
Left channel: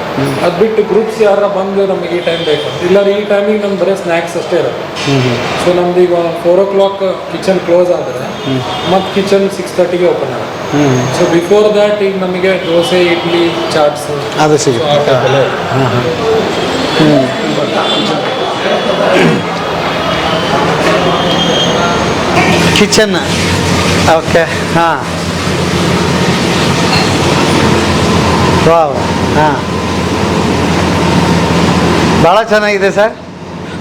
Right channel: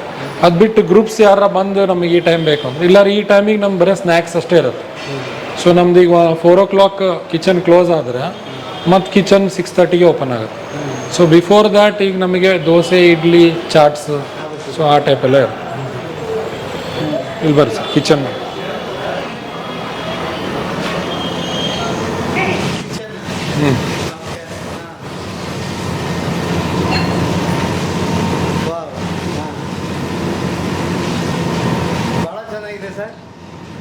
ಅದು ಬಿಟ್ಟು ಗ್ರೂಪ್ಸ್ ಯಾರ ಬಂದು ನಮಗೆ ಈ ಟೈಮ್ ಬೇಕು, ಇಲ್ಲ ಈ ಟೈಮಿಗೆ ನಮ್ಗೆ ಬರೀ ಸ್ನ್ಯಾಕ್ಸ್ ಅಷ್ಟೇ ಇರುತ್ತೆ. ಸೊ ನಮ್ದು ಈಗ 4 o'clock ಕಿಚನ್ ಕ್ಲೋಸ್ ಆದರೆ ಮತ್ತು ಕಿಚನ್ 6:30ಗೆ ಓಪನ್ ಆಗುತ್ತೆ. ಸೊ ಬಿಫೋರ್ ದ್ಯಾಟ್ ಈಗ ನಮಗೆ ದೋಸೆ, ಇಡ್ಲಿ, ಚಾಟ್ಸ್ ಅದು ಸೊ ಆ ಟೈಪ್ ಎಲ್ಲ ಕಿಚನ್. Kitchen, okay. ಹಾಂ, ವಾವ್, ಹಾಂ, ಭಾಳ ಚೆನ್ನಾಗಿದೆ ಸರ್.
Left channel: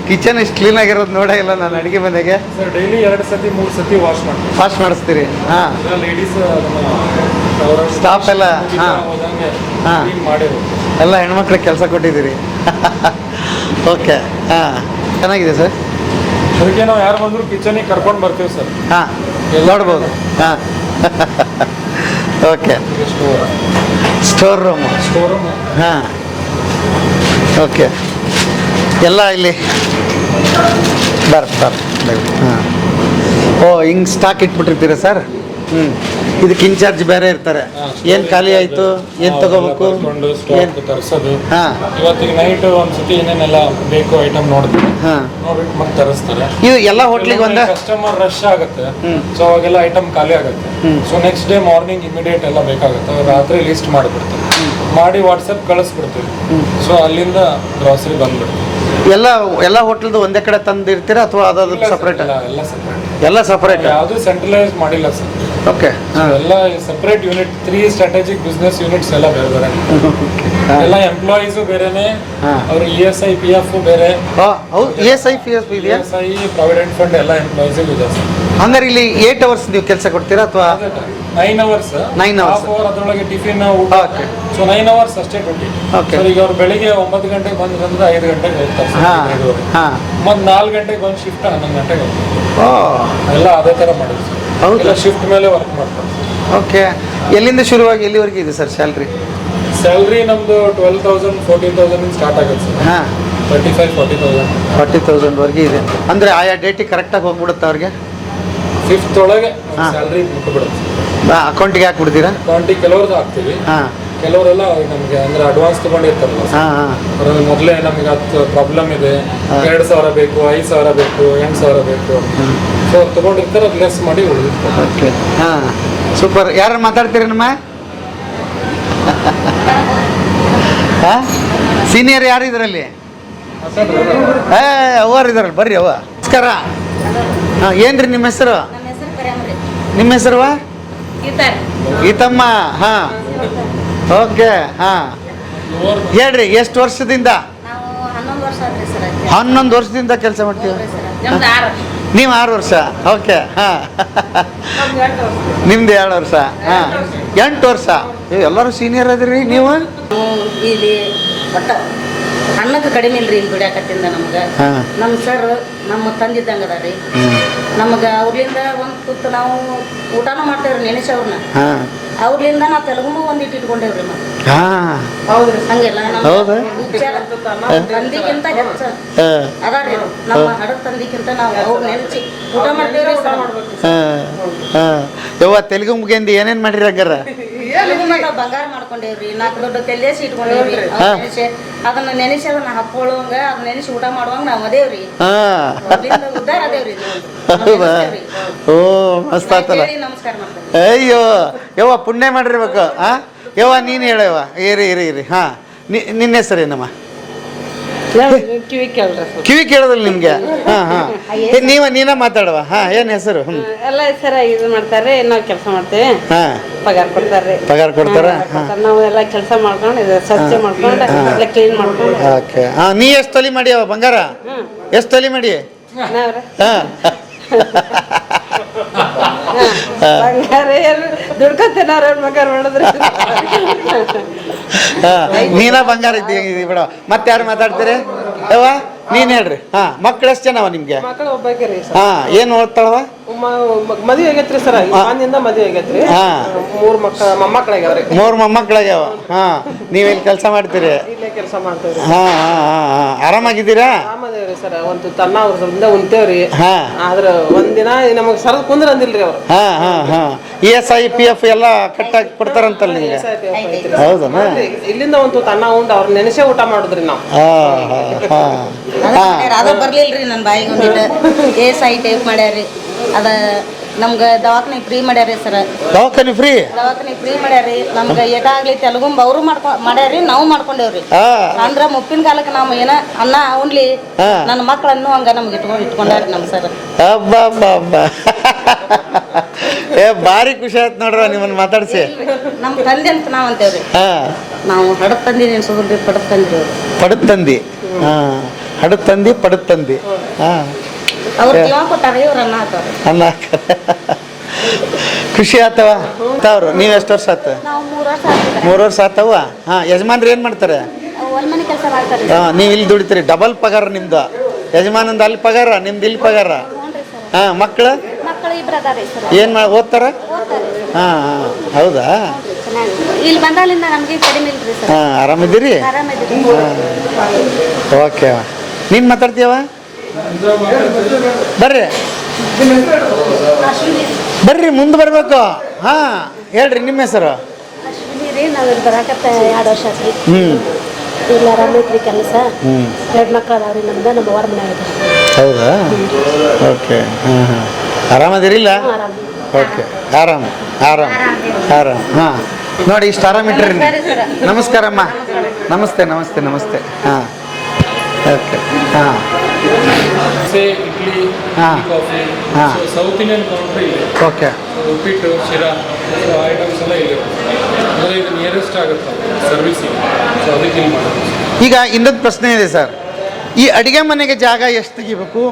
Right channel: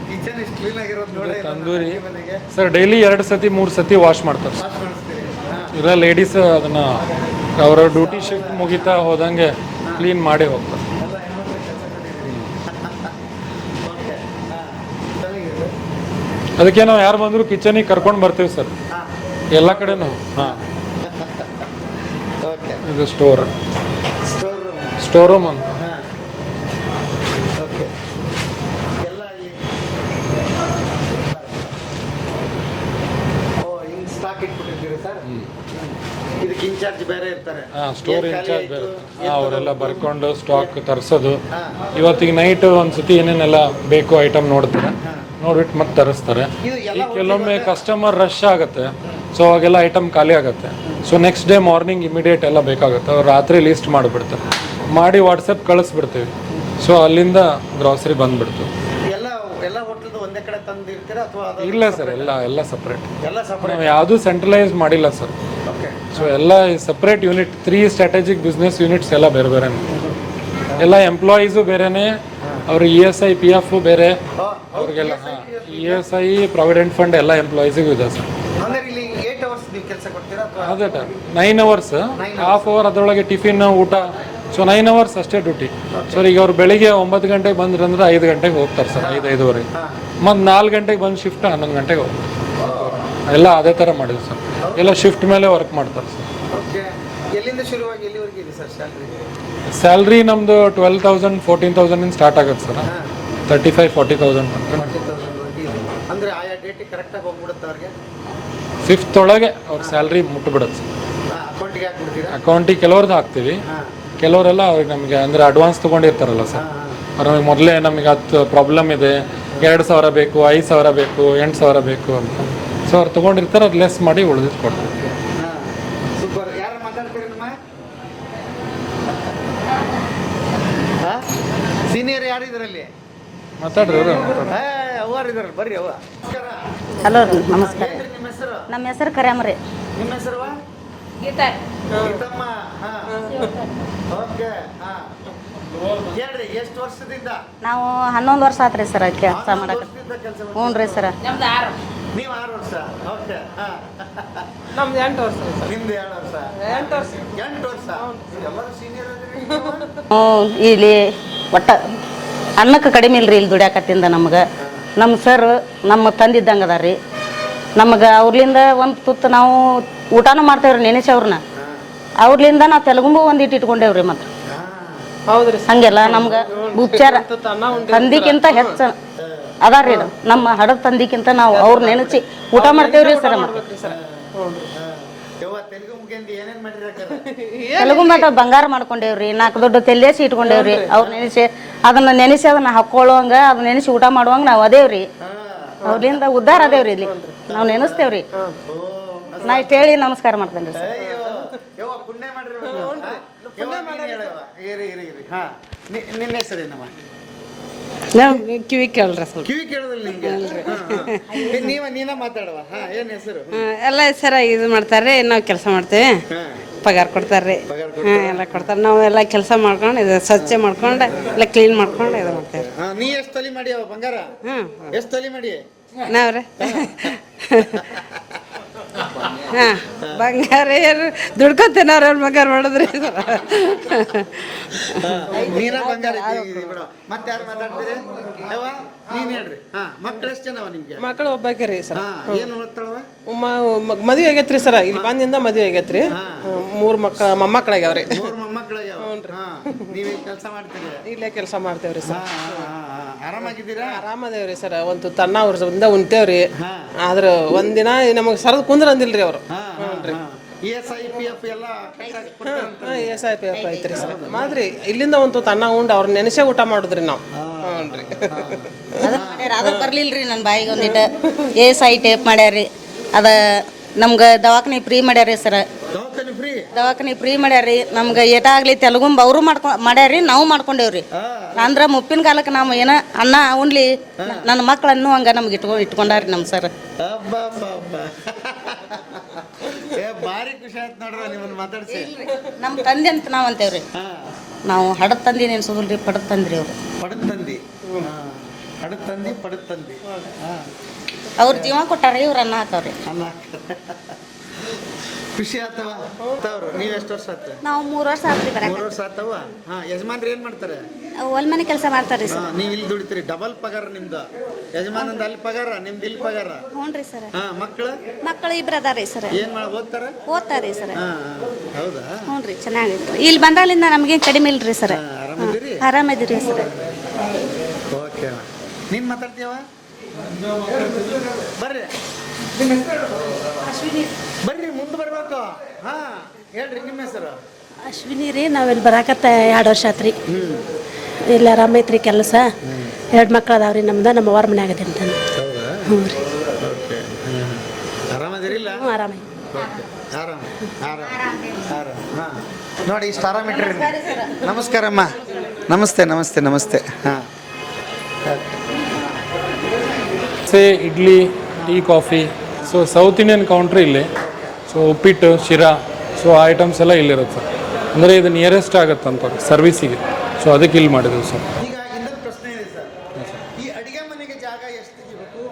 ಕಿಚನ್ ಇಷ್ಟು ಕ್ಲೀನ್ ಆಗಿರೋದು ನೋಡೇ ಇಲ್ಲ ನಾನು ಅಡುಗೆ ಮನೆಗೆ. ಸರ್ ಡೈಲಿ 2 ಸತಿ 3 ಸತಿ ವಾಶ್ ಮಾಡ್ತೀವಿ. ವಾಶ್ ಮಾಡಿಸ್ತೀರಿ? ಹಾಂ. ಈಗ ಲೇಡೀಸ್ ಅದನ್ನ ಅವರ Staff ಎಲ್ಲ, ಹಾ. ಹೋದಂಗೆ ಹಾ. ಕ್ಲೀನ್ ಮಾಡಿರೋದು. ಎಲ್ಲ ಹೆಣ್ಮಕ್ಳಿಗೆ ಕೆಲಸ ಕೊಟ್ಟಿದ್ದೀರಿ. ಓಕೆ, ಹಾಂ, ಚೆನ್ನಾಗಿದೆ ಸರ್. ಅದಕ್ಕೆ ನಾವು ಯಾರು ಬಂದರೂ ಕಿಚನಿಗೆ ಕರ್ಕೊಂಡು ಬರ್ತೀವಿ ಸರ್. ಹಾಂ, ನೋಡ್ಬೋದು. ಹಾಂ. Okay, store room. Store room. ಹಾಂ, ಓಕೆ. ಎಲ್ಲ ಇಲ್ಲಿ ಹಾಂ. ಓ, ಹಿಂಗೆ ಸ್ಟಾಕ್ ಇಟ್ಬಿಟ್ಟಿರ್ತೀರಾ ಸರ್? ಹ್ಞೂ. ಇದಕ್ಕೆ ಇನ್ಚಾರ್ಜ್ ಬೇರೆ ಇರ್ತಾರೆ. ಏನು ಖಾಲಿ ಆಯಿತು, ಏನು ತಗೋಬೇಕು, ಸ್ಟಾಕ್ ತರಿಸೋದು. ಹಾಂ. ಇವತ್ತಿಗೆ ನೈಟ್ ಒಂದ್ಸತಿ ಏನೇನೆಲ್ಲ ಬೇಕು ಐಟಮ್ ನೋಡ್ತಾರೆ. ಹಾಂ. ನೋಡ್ಬಿಟ್ಟು ಮತ್ತೆ ತರಿಸ್ತಾರೆ. ಇದು ಎಲ್ಲ ಹೋಟ್ಲಿಗೆ ಒಂದೇ ಕಸ್ಟಮರ್ ರಶ್ ಆಗುತ್ತೆ, ಸೊ ಅವಾಗೆಲ್ಲ ಐಟಮ್ ಖಾಲಿ ಆಗುತ್ತೆ. So next day morning immediate ಎಲ್ಲ ಬೇಕಾಗುತ್ತೆ. ಅವ್ರು ರಾತ್ರಿ ಲಿಸ್ಟ್ ಮಾಡಿಬಿಡ್ತಾರೆ, ಮಾಡಿ ವಾಟ್ಸಪ್ ಕಳಿಸ್ಬಿಡ್ತೀವಿ. ಸೊ ಅಲ್ಲಿಂದ ಗ್ರಾಸರಿ ಬಂದ್ಬಿಡ್ತೀವಿ. ಎಲ್ಲ ಹೋಟ್ಲದ್ದು ಒಂದೇ ಕಡೆ ತಂದಿರ್ತೀರಾ ಅಥವಾ ಅದಾದ್ರು ಸಪ್ರೇಟ್? ಎಲ್ಲ ಸಪ್ರೇಟ್. ಎಲ್ಲ ಸಪ್ರೇಟ್, ಯಾವುದು ಸೆಂಟ್ರಲೈಸ್ ಮಾಡಿಲ್ಲ ಸರ್. ಓಕೆ. ಎಲ್ಲ separate unit, 3 strategic business units ಎಲ್ಲ ಬೇರೆ ಬೇರೆ. ಎಲ್ಲ ಎಂಪ್ಲಾಯೀಸು ಬೇರೆನೆ, ಅವ್ರ ESI PF ಬೇರೆ. ಹೌದು, ESI PF ಇದೆಯಾ? ESI ಪ್ರಾವಿಡೆಂಟ್ ಫಂಡ್ ಎಲ್ಲ ಎಂಪ್ಲಾಯೀಸಿಗೂ ಇದೆ ಸರ್. ಹಂಗಾರೆ ಇಲ್ಲಿ 8 ಅವರ್ಸ್ ನೀವು ಕೆಲಸ ಕೊಡ್ತೀರಾ ಅಥವಾ 9 ಅವರ್ಸ್? 9 hours. ಹಾಫ್ ಅವರ್ ಅದರೊಳಗೆ ಟಿಫಿನ್ ಊಟ. ಸೊ 9 ಅವರ್ಸ್ ಅಷ್ಟೇ ಡ್ಯೂಟಿ. Okay. ಸರ್ ಈಗ ಅವ್ರು ಬೆಳಿಗ್ಗೆ 9 ಗಂಟೆಗೆ ಬಂದ್ರಂದ್ರೆ 5 ಗಂಟೆಗೆ ಹೋಗ್ತಾರೆ ಸರ್, 5:30. ಹಾಂ. ಮತ್ತೆ 4 ಗಂಟೆಗೆ ಬಂದು ಶಿಫ್ಟ್ 11 ಗಂಟೆಗೆ ಹೋಗ್ತಾರೆ. ಓ, ಎಲ್ಲ ಅದೇ ಥರ ಮಾಡಿದ್ರು ಸರ್. ಹೌದಾ? ಎಲ್ಲ ಶಿಫ್ಟ್ ಮೇಲೆ ವರ್ಕ್ ಮಾಡ್ತಾರೆ ಸರ್. ಓಕೆ. ಎಲ್ಲಿಂದ ಶುರುವಾಗಿ ಎಲ್ಲಿವರೆಗೆ ಇದೆ ಸರ್ ಸ್ಯಾಲ್ರಿ? ಸ್ಯಾಲ್ರಿ ನಮ್ಮದು 12,000 14,000 ಸ್ಟಾರ್ಟ್ ಆಗುತ್ತೆ ಸರ್. ಹಾಂ. 35,000 40,000 40,000ವರೆಗೆ ಇದೆ. ಅಂದರೆ ಆಯಾ ಡೇಟಿಗೆ ಕರೆಕ್ಟಾಗಿ ಹೋಗ್ಬಿಡುತ್ತೆ ಅವ್ರಿಗೆ? 5th ಒಳಗೆ ಸ್ಯಾಲ್ರಿ ಬಿಟ್ಟುಬಿಡುತ್ತೆ. ಅಕೌಂಟಿಗೆ ಹಾಕ್ಬಿಡ್ತೀರಾ? ಅಕೌಂಟಿಗೆ ಕೆಲವ್ರದ್ದು ಹಾಕ್ತೀವಿ, ಹಾಂ. ಕೆಲವರೆಲ್ಲ ನಮಗೆ ಅಂದರೆ ಅಡ್ವಾನ್ಸ್ ತೊಗೊಂಡಿರ್ತಾರಲ್ಲ ಸರ್. ಹಾಂ, ಹಾಂ. ಅವ್ರಿಗೆ ಮೊದಲೇ ನಮಗೆ 10 ಪ್ರಾಬ್ಲಮ್ ಇದೆ, 2,000 ಬೇಕು, 5,000 ಬೇಕು, 8,000 ಬೇಕು. ಸೊ ಅವ್ರು ತೊಗೊಂಡಿರ್ತಾರೆ, ಅದು ಲೆಸ್ ಮಾಡಿ ಉಳಿದಿತ್ತು. ಓಕೆ, ಹಾಂ, ಸೂಪರ್. ಯಾರು ಮಾತಾಡ್ತೀರಿ ನಮ್ಮ? ಹಾಂ, ಸೀನಿಯರ್ ಯಾರು ಇದರಲ್ಲಿ? ಅವ್ರು ಇದಾರಲ್ಲ, ಬರ್ರಿ ಅವ್ವ. ನಮಸ್ಕಾರ. ಹಲೋ. ಹಾಂ, ಏನ್ರಿ ನಿಮ್ಮ ಹೆಸರು? ನಮ್ಮ ಹೆಸರು ಕರ್ಯಾಮ್ರಿ. ನಿಮ್ಮ ಹೆಸರು? ಗೀತಮ್ಮ. ಹಾಂ, ಓಕೆ. ಹಾಂ, ಹೇಳ್ರಿ, ಎಷ್ಟು ವರ್ಷದಿಂದ? ನಾವು 11 ವರ್ಷ ಆತ್ರಿ ಸರ್. 11 ವರ್ಷದಿಂದ ಕೆಲಸ ಮಾಡ್ತೀವಿ. ಸರ್ ನೀವು 6 ವರ್ಷ. ಓಕೆ, ಹಾಂ. ನಿಮ್ದು 2 ವರ್ಷ. ಹಾಂ, 8 ವರ್ಷ. ಎಲ್ಲರೂ ಸೀನಿಯರ್ ಅದಿರಿ ನೀವು? ಇಲ್ಲಿ ಒಟ್ಟ ಅನ್ನಕ್ಕೆ ಕಡಿಮೆ ಇಲ್ರಿ ಇಲ್ಲಿ ಗುಡಿಯಾಕತ್ತಿಂದ ನಮ್ಗೆ. ಹಾಂ. ನಮ್ಮ ಸರ್ ನಮ್ಮ ತಂದಿದ್ದಂಗೆ ಅದ ರೀ. ನಮಗೆ ಅವ್ರಲಿಂದ ಒಂದು ತುತ್ತು ನಾವು ಊಟನೂ ಮಾಡ್ತೇವ್ರಿ, ನೆನೆಸಿ ಅವ್ರನ್ನ. ಹಾಂ. ಅವ್ರಲಿಂದ ನಾವು ತೆಲುಗುಂಬು ಒಂದಿಟ್ಟು ಇಟ್ಕೊಂಡೇವ್ರಿ. ಮತ್ತೆ ಹಾಂ, ಹಂಗೆಲ್ಲ ನಮ್ಮ ಹೌದಾ? ಉಪಚಾರ ತಂದಿಕ್ಕಿಂತ ಹೆಚ್ಚ ಹಾಂ. ಅದಾರಿ ಇದು. ನಮ್ಮ ಹಡದ ತಂದಿಕ್ಕಿಂತ ನಾವು ಅವ್ರ ನೆನೆಸಿ ಊಟ ಮಾಡ್ತೇವ್ರಿ ಸರ್. ಹಾಂ, ಹಾಂ. ಯವ್ವ, ತೆಲುಗು ಮುಗಿಂದ ಏನೇನು ಮಾಡಿರಿ ಹಂಗಾರ? ತೆಲುಗುಂಬಾಗ ಬಂಗಾರ ಮಾಡ್ಕೊಂಡೇವ್ರಿ, 4 ದೊಡ್ಡ ತೆಲ್ಲೇಸಿ ಇಟ್ಕೊಂಡೇವ್ರಿ. ಅವ್ರ ನೆನೆಸಿ ಅದನ್ನ ನೆನೆಸಿ ಅದನ್ನ ಹಾಕೊಳ್ಳುವಂಗ, ಅದನ್ನ ನೆನೆಸಿ ಊಟ ಮಾಡುವಂಗ ನಾವು ಅದೇವ್ರಿ. ಹಾಂ. ಅದ್ರಿಂದ ಉದ್ದಾರ ಅದೇವ್ರಿ ಇಲ್ಲಿ. ನಾವ್ ನೆನೆಸ್ತೇವ್ರಿ. ಓ, ಮಸ್ತ್ ನಾ ಆತಲ್ಲ. ಕೇಳಿ ನಮಸ್ಕಾರ ಮಾಡ್ತೇನೆ. ಅಯ್ಯೋ ಯವ್ವ, ಪುಣ್ಯ ಮಾಡಿರ್ಬೇಕು. ಹಾಂ, ಯವ್ವ ನೀನು ಹೇಳವ್ವ. ಇರಿ. ಹಾಂ, ನಿನ್ನ ಹೆಸರೇನಮ್ಮ? ಕಿವಿ ಕೇಳ್ರಿ ಸರ್. ಕಿವಿ ಕೇಳೋದಿಲ್ಲ ನಿಮಗೆ? ಹಾಂ, ಹಾಂ. ನೀನ ಮಾತಾಡುವ. ಹಾಂ, ಏನು ಹೆಸರು? ಹ್ಞೂ. ಎಲ್ಲ ಸರ ಇದು ಮಾಡ್ತಾರೆ, ನಾವು ಕೆಲಸ ಮಾಡ್ತೇವೆ. ಹಾಂ. ಪಗಾರ ಕೊಡ್ತಾರ್ರಿ. ಪಗಾರ ಕೊಡ್ತಾರ? ನಾವು ಎಲ್ಲ ಕೆಲಸ ಮಾಡ್ಕೊಂಡು ಇದು ಸ್ವಚ್ಛ ಮಾಡ್ಕೊಂಡು ಎಲ್ಲ ಕ್ಲೀನ್ ಮಾಡ್ಕೊಂಡು. ಓಕೆ. ಹಾಂ, ನೀ ಎಷ್ಟು ತೊಲಿ ಮಾಡಿಯವ ಬಂಗಾರ? ಎಷ್ಟು ತೊಲಿ ಮಾಡಿ? ನಾವ್ರಿ ಹಾಂ. ಬಂಗಾರ ದುಡ್ಕೊತೇನೆ ಅವ್ರ ಬಂಗಾರ ಮಾಡಿದ್ರಿ. ಹಾಂ, ನೀನ ಬಂಗಾರ ಇದ್ದೀವಿ ಬಿಡ. ಮತ್ತೆ ಯಾರು ಮಾತಾಡ್ತೀರಿ? ಯವ್ವ ನೀನು ಹೇಳ್ರಿ. ಹಾಂ, ಮಕ್ಳು ಎಷ್ಟು ಜನವ ನಿಮಗೆ? ಮಕ್ಕಳು ಒಬ್ಬಾಕಿ ರೀ ಸರ್. ಹಾಂ, ಏನು ಓದ್ತಾಳವ? ಮದುವೆ ಆಗೈತ್ರಿ ಸರ್. ಮನೆಯಿಂದ ಮದುವೆ ಆಗೈತ್ರಿ. ಹಾಂ. 3 ಮೊಮ್ಮಕ್ಕಳಾಗ್ಯಾವ್ರಿ. 3 ಮೊಮ್ಮಕ್ಕಳಾಗ್ಯಾವ. ಹಾಂ, ನೀವೇನು ಕೆಲಸ ಮಾಡ್ತೀರಿ? ಇಲ್ಲೇ ಕೆಲಸ ಮಾಡ್ತೇವ್ರಿ. ಹಾಂ, ಹಾಂ, ಹಾಂ. ಆರಾಮಾಗಿದ್ದೀರಾ? ಆರಾಮದೇವ್ರಿ ಸರ್. ಒಂದು ತನ್ನ ಅವ್ರಿಂದ ಉಣ್ತೇವ್ರಿ. ಹಾಂ. ಆದ್ರೆ ಒಂದಿನ ನಮಗೆ ಸರದ್ ಕುಂದ್ರ ಅಂದಿಲ್ರಿ ಅವ್ರು. ಹಾಂ, ಹಾಂ, ಹಾಂ. ESI PF ಎಲ್ಲ ಕಟ್ಟಾಗಿ ಕೊಡ್ತಾರಂತಲ್ಲ ನಿಮಗೆ? ಹೌದಾ? ಇಲ್ಲಿಂದ ಒಂದು ತನ್ನ ಉಂಡು ಅವ್ರ ನೆನೆಸೇ ಊಟ ಮಾಡುದ್ರಿ ನಾವು. ಹಾಂ, ಹಾಂ, ಹಾಂ. ಅದ ಬರ್ಲಿಲ್ರಿ ನನ್ನ ಬಾಯಿಗೆ ಒಂದಿಟ್ಟು. ESI ಟೇಪ್ ಮಾಡ್ಯಾರಿ. ಅದ ನಮ್ಗೆ ದವಾಖಾನೆ ಫ್ರೀ ಮಾಡ್ಯಾರಿ ಸರ್. ದವಾಖಾನೆ ಫ್ರೀ? ದವಾಖಾನೆ ಫ್ರೀ ಮಾಡ್ಯಾರಿ. ನಮ್ಗೆ ಏಟಾಗ್ಲಿ ತೆಲುಗುಂಬ ಅವರು ಮಾಡ್ಯಾರಿ, ನಾವು ಮಾಡ್ಕೊಂಡೇವ್ರಿ. ಅಂದ್ರ ಮುಪ್ಪಿನ ಕಾಲಕ್ಕೆ ನಾವು ಏನ ಅನ್ನ ಉಣ್ಲಿ ನನ್ನ ಮಕ್ಕಳನ್ನು ಹಂಗ ನಮ್ಗೆ ಇಟ್ಕೊಂಡಾರಿ ನಮ್ಮ ಸರ್. ಹಬ್ಬ ಭಾರಿ ಖುಷಿ ಆಯ್ತು ನೋಡ್ರ ನಿಮ್ಮನ್ನ ಮಾತಾಡ್ಸಿ. ನಮ್ಮ ತಂದೆ ಅಂತ ನಾವು ಅಂತೇವ್ರಿ. ನಾವು ಹಡದ್ ತಂದಿ ನೆನ್ಸೋದ್ರಿ, ಪಡದ್ ತಂದ್ರಿ ಅವ್ರು. ಪಡದ್ ತಂದಿ. ಹಾಂ, ಹಡದ್ ತಂದಿ ಪಡದ್ ತಂದಿ ಹಾಂ ಅವ್ರ ಜೀವ ಕೊಟ್ಟಾರ ಇವ್ರ ಅನ್ನ ಹಾಕೋರು. ಅನ್ನ ಖುಷಿ ಆತವ ಅವ್ರು ನೀವು ಎಷ್ಟು ವರ್ಷ ಆತ ನಾವು 3 ವರ್ಷ ಆಯ್ತು. 3 ವರ್ಷ ಆತವ ಹಾಂ ಯಜಮಾನ್ರು ಏನು ಮಾಡ್ತಾರೆ ಹೊಲ್ಮನೆ ಕೆಲಸ ಮಾಡ್ತಾರೆ ಹಾಂ ನೀವು ಇಲ್ಲಿ ದುಡಿತೀರಿ ಡಬಲ್ ಪಗಾರ ನಿಮ್ದು ಯಜಮಾನಂದು ಅಲ್ಲಿ ಪಗಾರ ನಿಮ್ದು ಇಲ್ಲಿ ಪಗಾರ ಹ್ಞೂ ಸರ್. ಹಾಂ ಮಕ್ಕಳು ಮಕ್ಕಳು ಇಬ್ರು ಅದಾರೆ ಸರ್. ಏನು ಮಾಡಿ ಓದ್ತಾರ ಓದ್ತಾರೆ ಸರ್. ಹಾಂ ಹಾಂ ಹೌದಾ ಚೆನ್ನಾಗಿ ಇಲ್ಲಿ ಬಂದಾಲಿಂದ ನಮಗೆ ಕಡಿಮೆ ಇಲ್ರಿ ಸರ್. ಹಾಂ ಆರಾಮಿದ್ದೀರಿ ಆರಾಮಿದ್ರಿ ಓಕೆ ನೀನು ಮಾತಾಡ್ತೀಯವ ಬರ್ರಿ ಬರ್ರಿ ಮುಂದೆ ಬರಬೇಕು ಹಾಂ ಹೇಳ್ರಿ ನಿಮ್ಮ ಹೆಸರು ಅಶ್ವಿನಿ ರೀ. ನಾವು ಇಲ್ಲಿ ಬರಾಕತ್ತ 2 ವರ್ಷ ಆತ್ರಿ. ಹ್ಞೂ ಇಲ್ಲಿ ಆರಾಮೈತ್ರಿ ಕೆಲಸ. 2 ಮಕ್ಳು ಅದಾವ್ರಿ ನಮ್ದು. ನಮ್ಮ ಹೊರ ಮನ್ಯಾಗ ಅದಿರಿ. ಹೌದಾ ಓಕೆ ಹಾಂ ಹಾಂ ಆರಾಮದಿರಿಲ್ಲ ಆರಾಮ. ಓಕೆ ಆರಾಮ ಆರಾಮ ಆರಾಮ ಹಾಂ ನೋಡಿ ಇಷ್ಟು ಆರಾಮಿಟ್ರಿ ನಮಸ್ಕಾರಮ್ಮ ನಮಸ್ತೆ ನಮಸ್ತೆ ನಮಸ್ತೆ ಹಾಂ ಓಕೆ ಹಾಂ ದೋಸೆ ಇಡ್ಲಿ ಹಾ. ಟೀ ಕಾಫಿ ಹಾ. ಸೊ ಸೌತ್ ಇಂಡಿಯನ್ ಕೌಂಟ್ರ್ ಇಲ್ಲಿ ಓಕೆ ಸೊ ಉಪ್ಪಿಟ್ಟು ಶಿರಾ ಸೊ ಐಟಮ್ಸ್ ಎಲ್ಲ ಇಲ್ಲಿರುತ್ತೆ ಅಂದರೆ ಇದು ನಿಯರೆಸ್ಟ್ ಆಗುತ್ತಂತ ಸರ್ವಿಸಿಗೆ ಸೊ ಅದಕ್ಕೆ ಇಲ್ಲಿ ಮಾಡೋದು ಸರ್. ಈಗ ಇನ್ನೊಂದು ಪ್ರಶ್ನೆ ಇದೆ ಸರ್ ಈ ಅಡುಗೆ ಮನೆಗೆ ಜಾಗ ಎಷ್ಟು ತೆಗಿಬೇಕು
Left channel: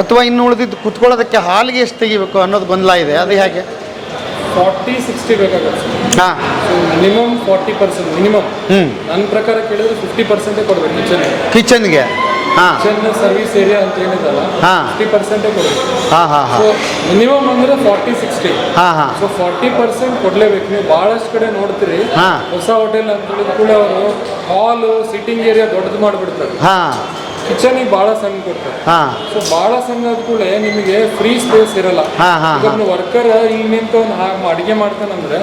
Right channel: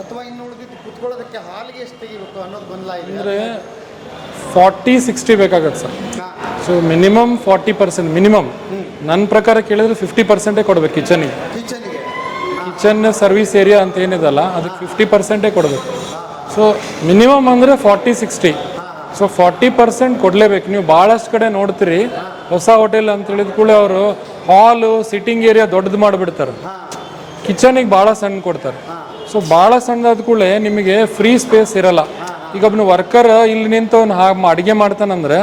ಅಥವಾ ಇನ್ನು ಉಳಿದಿದ್ದು ಕುತ್ಕೊಳ್ಳೋದಕ್ಕೆ ಹಾಲಿಗೆ ಎಷ್ಟು ತೆಗಿಬೇಕು ಅನ್ನೋದು ಗೊಂದಲ ಇದೆ ಅದು ಹೇಗೆ 40-60 ಬೇಕಾಗತ್ತೆ ಸರ್. ಹಾಂ ಸೊ ಮಿನಿಮಮ್ 40% ಮಿನಿಮಮ್ ಹ್ಞೂ ನನ್ನ ಪ್ರಕಾರ ಕೇಳಿದ್ರೆ 50% ಕೊಡಬೇಕು ಕಿಚನ್ಗೆ. ಕಿಚನ್ಗೆ ಹಾಂ ಕಿಚನ್ ಸರ್ವಿಸ್ ಏರಿಯಾ ಅಂತ ಏನಿದಲ್ಲ ಹಾ. 50% ಕೊಡಬೇಕು. ಹಾಂ ಹಾಂ ಸೊ ಹಾಂ ಮಿನಿಮಮ್ ಅಂದರೆ 40-60. ಹಾಂ ಹಾಂ ಸೊ 40% ಕೊಡ್ಲೇಬೇಕು. ನೀವು ಭಾಳಷ್ಟು ಕಡೆ ನೋಡ್ತೀರಿ ಹಾ. ಹೊಸ ಹೋಟೆಲ್ ಅಂತ ಹೇಳಿದ ಕೂಡ ಅವರು ಹಾಲು ಸಿಟ್ಟಿಂಗ್ ಏರಿಯಾ ದೊಡ್ಡದು ಮಾಡಿಬಿಡ್ತಾರೆ, ಹಾಂ ಕಿಚನಿಗೆ ಭಾಳ ಸಣ್ಣ ಕೊಡ್ತಾರೆ. ಹಾಂ ಸೊ ಭಾಳ ಸಣ್ಣ ಆದ ಕೂಡ ನಿಮಗೆ ಫ್ರೀ ಸ್ಪೇಸ್ ಇರಲ್ಲ. ಹಾ, ಹಾ, ಈಗ ಒಬ್ಬನು ವರ್ಕರ್ ಇಲ್ಲಿ ನಿಂತು ಅವ್ನು ಅಡಿಗೆ ಮಾಡ್ತಾನಂದ್ರೆ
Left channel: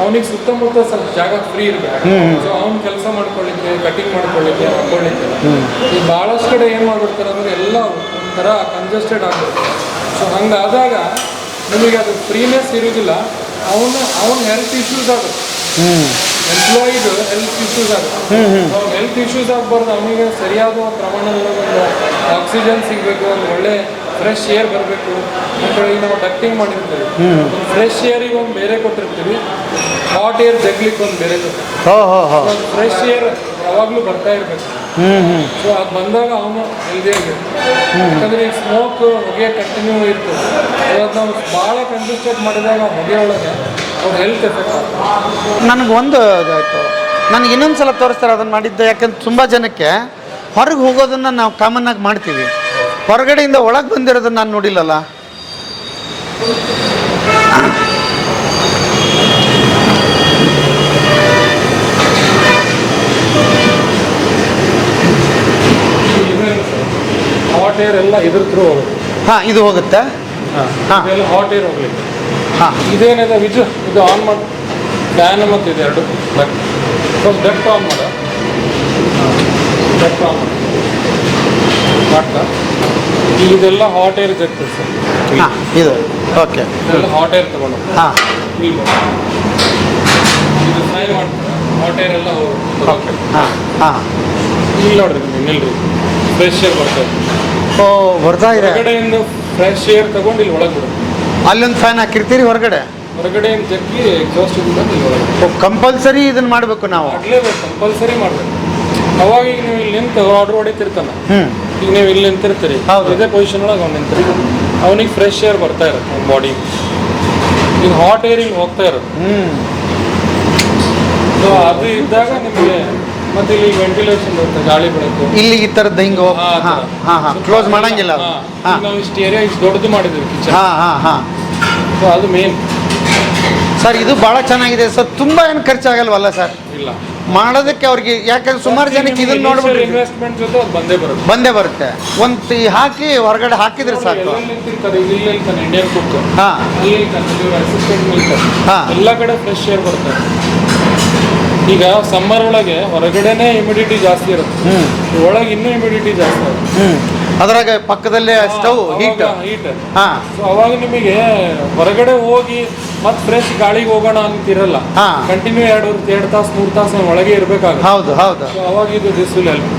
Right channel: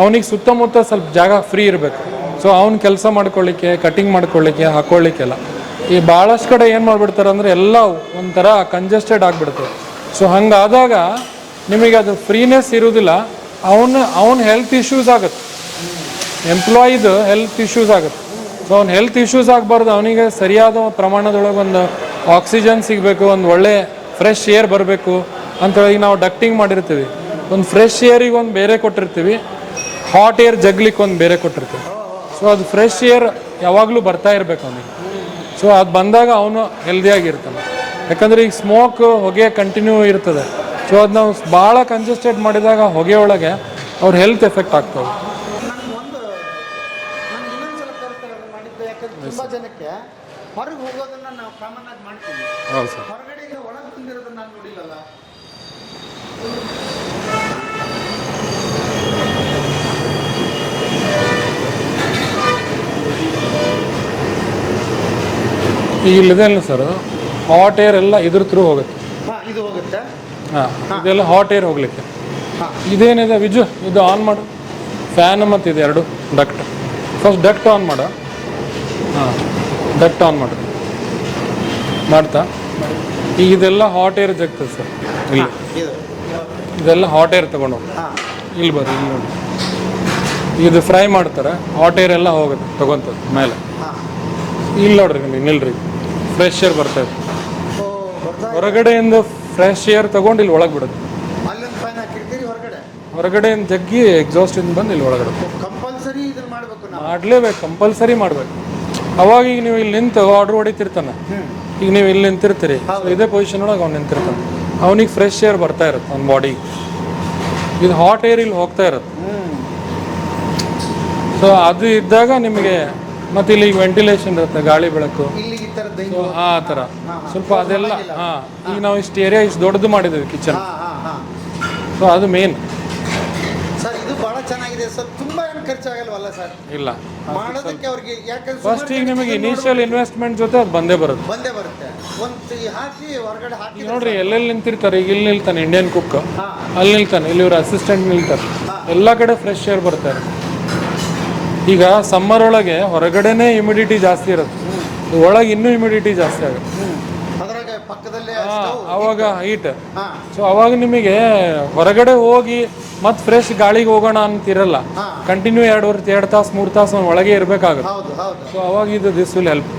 ಅವನಿಗೆ ಸುತ್ತಮುತ್ತ ಸ್ವಲ್ಪ ಜಾಗ ಫ್ರೀ ಇರ್ಬೇಕು. ಸೊ ಅವ್ನು ಕೆಲಸ ಮಾಡ್ಕೊಳ್ಳಿಕ್ಕೆ ಕಟಿಂಗ್ ಮಾಡ್ಕೊಳ್ಳಿಕ್ಕೆ ಹಾಕೊಳ್ಳಿಕ್ಕೆಲ್ಲ ಈ ಭಾಳಷ್ಟು ಕಡೆ ಏನು ಮಾಡ್ಬಿಡ್ತಾರೆ ಅಂದ್ರೆ ಎಲ್ಲ ಒಂಥರ ಕಂಜೆಸ್ಟೆಡ್ ಆಗ್ಬಿಡ್ತಾರೆ. ಸೊ ಹಂಗಾದಾಗ ನಿಮಗೆ ಅದು ಫ್ರೀನೆಸ್ ಇರುವುದಿಲ್ಲ. ಅವನ ಹೆಲ್ತ್ ಇಶ್ಯೂಸ್ ಆಗುತ್ತೆ, ಎಂಪ್ಲಾಯಿದು ಹೆಲ್ತ್ ಇಶ್ಯೂಸ್ ಆಗುತ್ತೆ. ಅವ್ನ ಹೆಲ್ತ್ ಇಶ್ಯೂಸ್ ಆಗಬಾರ್ದು, ಅವನಿಗೆ ಸರಿಯಾದ ಪ್ರಮಾಣದೊಳಗೆ ಒಂದು ಆಕ್ಸಿಜನ್ ಸಿಗಬೇಕು, ಒಂದು ಒಳ್ಳೆ ಫ್ರೆಶ್ ಏರ್ ಬರಬೇಕು ಅಂತ ಹೇಳಿ ನಾವು ಡಕ್ಟಿಂಗ್ ಮಾಡಿರ್ತೀವಿ. ಒಂದು ಫ್ರೆಶ್ ಏರಿಗೆ ಒಂದು ಬೇರೆ ಕೊಟ್ಟಿರ್ತೀವಿ, ಹಾಟ್ ಏರ್ ಜಗ್ಲಿಕ್ಕೆ ಒಂದು ಬೇರೆ ಕೊಟ್ಟಿರ್ತೀವಿ. ಹೋ ಹೋ ಹೋ ಸೊ ಅದು ಫ್ರೆಶ್ ಏರ್ ಯಾವಾಗಲೂ ಬರ್ತಾ ಇರಬೇಕು. ಸೊ ಅದು ಬಂದಾಗ ಅವನು ಹೆಲ್ದಿಯಾಗಿರ್ತಾನೆ. ಯಾಕಂದ್ರೆ ಈಗ ಸ್ಮೋಕ್ ಹೊಗೆ ಕಂಟಿನ್ಯೂ ಇರ್ತದೆ. ಸೊ ಅದು ನಾವು ಭಾಳ ಕಂಜೆಸ್ಟೆಡ್ ಮಾಡಿದಾಗ ಹೊಗೆ ಒಳಗೆ ಅವ್ರ ಹೆಲ್ತ್ ಎಫೆಕ್ಟ್ ಆಗ್ತದೆ. ನನಗೆ ಒಂದು ಇದಾಯಿತು ನನಗೆ ಇನ್ನೊಂದು ಸಲ ತೋರಿಸ್ತಾರೆ ಅದನ್ನು ಮಾಡಿದ್ದೆ. ಯಾಕಂದ್ರೆ ತುಂಬ ಜನಕ್ಕೆ ಹೊರಗೆ ಹೋಗೋದನ್ನು ನಾವು ಕಾಮನ್ ಆಗಿ ಮಾಡ್ತೀವಿ, ಹೊರಗಡೆಯಿಂದ ಒಳಗೆ ಬಂದಿರೋದನ್ನು ನಾನು ನೋಡಿಲ್ಲಲ್ಲ. ಈಗ ಇದೆ ಅಲ್ಲ ಸರ್, ಹಾಟ್ ಏರ್ ಎಲ್ಲ ಇದ್ರ ಥ್ರೂ ಹೋಗುತ್ತೆ. ಹಾಂ ಇದು ಹೋಗುತ್ತೆ. ಹಾ. ಇದೆಲ್ಲ ಹಾಟ್ ಏರ್ ಹೋಗ್ಲಿಕ್ಕೆ. ಹಾಂ ಇದೇನಿದೆ ವಿಜು, ಇದು ಆನ್ ಮಾಡು. ಫ್ಯಾನ್ ಮತ್ತು ಇದು ಎರಡು ಡಕ್ಟ್. ಫಸ್ಟ್ ಡಕ್ಟ್ ಆನ್ ಮಾಡು. ಡಕ್ಟ್ ಆನ್ ಮಾಡು. ಮಾಡ್ತಾ ಇದೆಲ್ಲ ಹಾಟ್ ಏರ್ ಜಗ್ತೀವಿ ಸರ್. ಹಾಂ ಇದು ಓಕೆ ಇದೆಲ್ಲ ಹಾಟ್ ಏರ್ ತಗೊಂಡು ಹಾಂ ಇಲ್ಲಿ ಬರುತ್ತೆ. ಇದು ಫ್ರೈ ಮಾಡ್ತಾರೆ, ಹಾಟ್ ಏರ್ ಎಲ್ಲ ಹೋಗುತ್ತೆ. ಹಾಂ ಹಾಂ ಇಲ್ಲಿ ನೋಡ್ರಿ ನಿಮಗೆ ನಿಲ್ರಿ, ಫ್ರೆಶ್ ಏರ್ ಬರ್ತಾ ಇದೆ. ಓ ಬರ್ತಾ ಇದೆ. ಹೊರಗಡೆಯಿಂದ ಫ್ರೆಶ್ ಏರ್ ತಗೊಂಡು ಇಲ್ಲಿ ಒಳಗೆ ಬಿಡುತ್ತೆ. ಅಲ್ಲೊಂದು ಫ್ಯಾನ್ ಹಾಕಿರ್ತೀರಿ ಹೊರಗಡೆ, ಹೊರಗಡೆಯಿಂದ ಜಗ್ಗಿ ಎಕ್ಸಾಸ್ಟ್ ಇದು ಬಂದು ಇಲ್ಲಿ ಒಳಗಡೆ ಕಂಪಲ್ಸರಿ ಇದನ್ನು ಮಾಡಬೇಕು ನಾವು. ಮಾಡಲೇಬೇಕು, ಕಂಪಲ್ಸರಿ ಮಾಡಬೇಕು. ಅವಾಗ ಈಗ ನೀವು ಇಲ್ಲಿ ನಿಂತು ಆರ್ಡರ್ ಹೊಡಿತಿರ್ತಾನೆ, ಈಗ ನೀವು ಇಲ್ಲಿ ನಿಂತಿರ್ತೀರಿ, ಹೌದು. ಇದೇ ಪೊಸಿಷನ್ ಒಳಗೆ ಅವ್ನು ನಿಂತಿರ್ತಾನೆ, ಅವನಿಗೆ ಫ್ರೆಶ್ ಏರ್ ಬರ್ತಾ ಇರುತ್ತೆ ಅವ್ನ ಬಾಡಿ. ಇದು ಹಾಟ್ ಏರ್ ಇಲ್ಲಿ ಹೋಗ್ತಾ ಇರುತ್ತೆ. ಸೊ ಅದು ಇದ್ದಾಗ ನಿಮಗೆ ಮತ್ತೆ ಇಲ್ಲಿ ವೆಂಟಿಲೇಷನ್ ಇರುತ್ತೆ, ಗಾಳಿ ಬೆಳಕು. ಇಲ್ಲಿ ಈ ಥರದ್ದು ಹಿಂಗೆ ಹಾಂ ಹಾಂ ಹಾಂ ಕ್ಲೋಸ್ ಮಾಡಂಗಿಲ್ಲ. ಈಗ ನಾವು ಇಷ್ಟು ಏರಿಯಾ ಇಷ್ಟು ದೊಡ್ಡದು ಮಾಡಿದ್ದೀವಿ ಕಿಚನ್. ಹಾಂ ಹಾಂ ಹಾಂ ಸೊ ಅದು ಮೇನ್ ಸರ್. ಇದು ಭಾಳ ಚೆನ್ನಾಗಿದೆ ಸರ್. ತುಂಬ ಏನು ಖರ್ಚಾಗಲ್ವಲ್ಲ ಸರ್ ಇಲ್ಲ ಮಾಡೋದಕ್ಕೆ ಅವ್ರಿಗೆ? ಯಾಕಂದ್ರೆ ಸುಮಾರು ಜನಕ್ಕೆ ಇದನ್ನ ನೋಡ್ಬಿಟ್ಟು ಇನ್ವೆಸ್ಟ್ಮೆಂಟ್ ಜೊತೆ ಅದು ಬಂದೇ ಬರುತ್ತೆ. ಒಂದು ಹಾಕಿ ಹೊರಗಡೆ ಹಾಕಿದ್ರೆ ಸಾಕು. ಎಲ್ಲೆಲ್ಲಿ ನಿಂತಿರ್ತಾರೆ, ಈಗ ಇಲ್ಲಿ ನಿಲ್ತಾನೆ ಇಂಡಿಯನ್ ಕುಕ್, ಹಾಂ ಅಲ್ಲಿ ನಿಲ್ತಾನೆ, ಇಲ್ಲಿ ಇವ್ರ ಅಸಿಸ್ಟೆಂಟ್ ನಿಲ್ತಾರೆ, ಹಾ. ಎಲ್ಲ ಕಡೆ ಫ್ರೆಶ್ ಏರ್ ಬರ್ತಾರೆ. ಈಗ ಸಮ್ಮರ್ ಒಳಗೆ ಹೊರಗಡೆನೆ ಹ್ಯುಮಿಡಿಟಿ ಜಾಸ್ತಿ ಇರುತ್ತೆ, ಒಳಗೆ ಇನ್ನೂ ಹ್ಯುಮಿಡಿಟಿ ಜಾಸ್ತಿ ಆಗುತ್ತೆ. ಅದ್ರಾಗ ಪಕ್ಕದಲ್ಲೇ ಸ್ಟವ್ ಅವಾಗ ಹೀಟ್. ಹಾಂ ಸೊ ಅವಾಗ ನಿಮಗೆ ಹೊರಗಡೆ ಹೋಗಿ ಮತ್ತೆ ಫ್ರೆಶ್ ಗಾಳಿಗೆ ಹೋಗೋಣ ಅಂತಿರಲ್ಲ. ಹಾ. ಕಂಟಿನ್ಯೂ 2 ತಾಸು 3 ತಾಸು ಒಳಗೆ ಇರಬೇಕಾಗುತ್ತೆ. ಹೌದು ಹೌದು ಸೊ ಅವಾಗ ಇದು ದಿಸ್ ವಿಲ್ ಹೆಲ್ಪ್.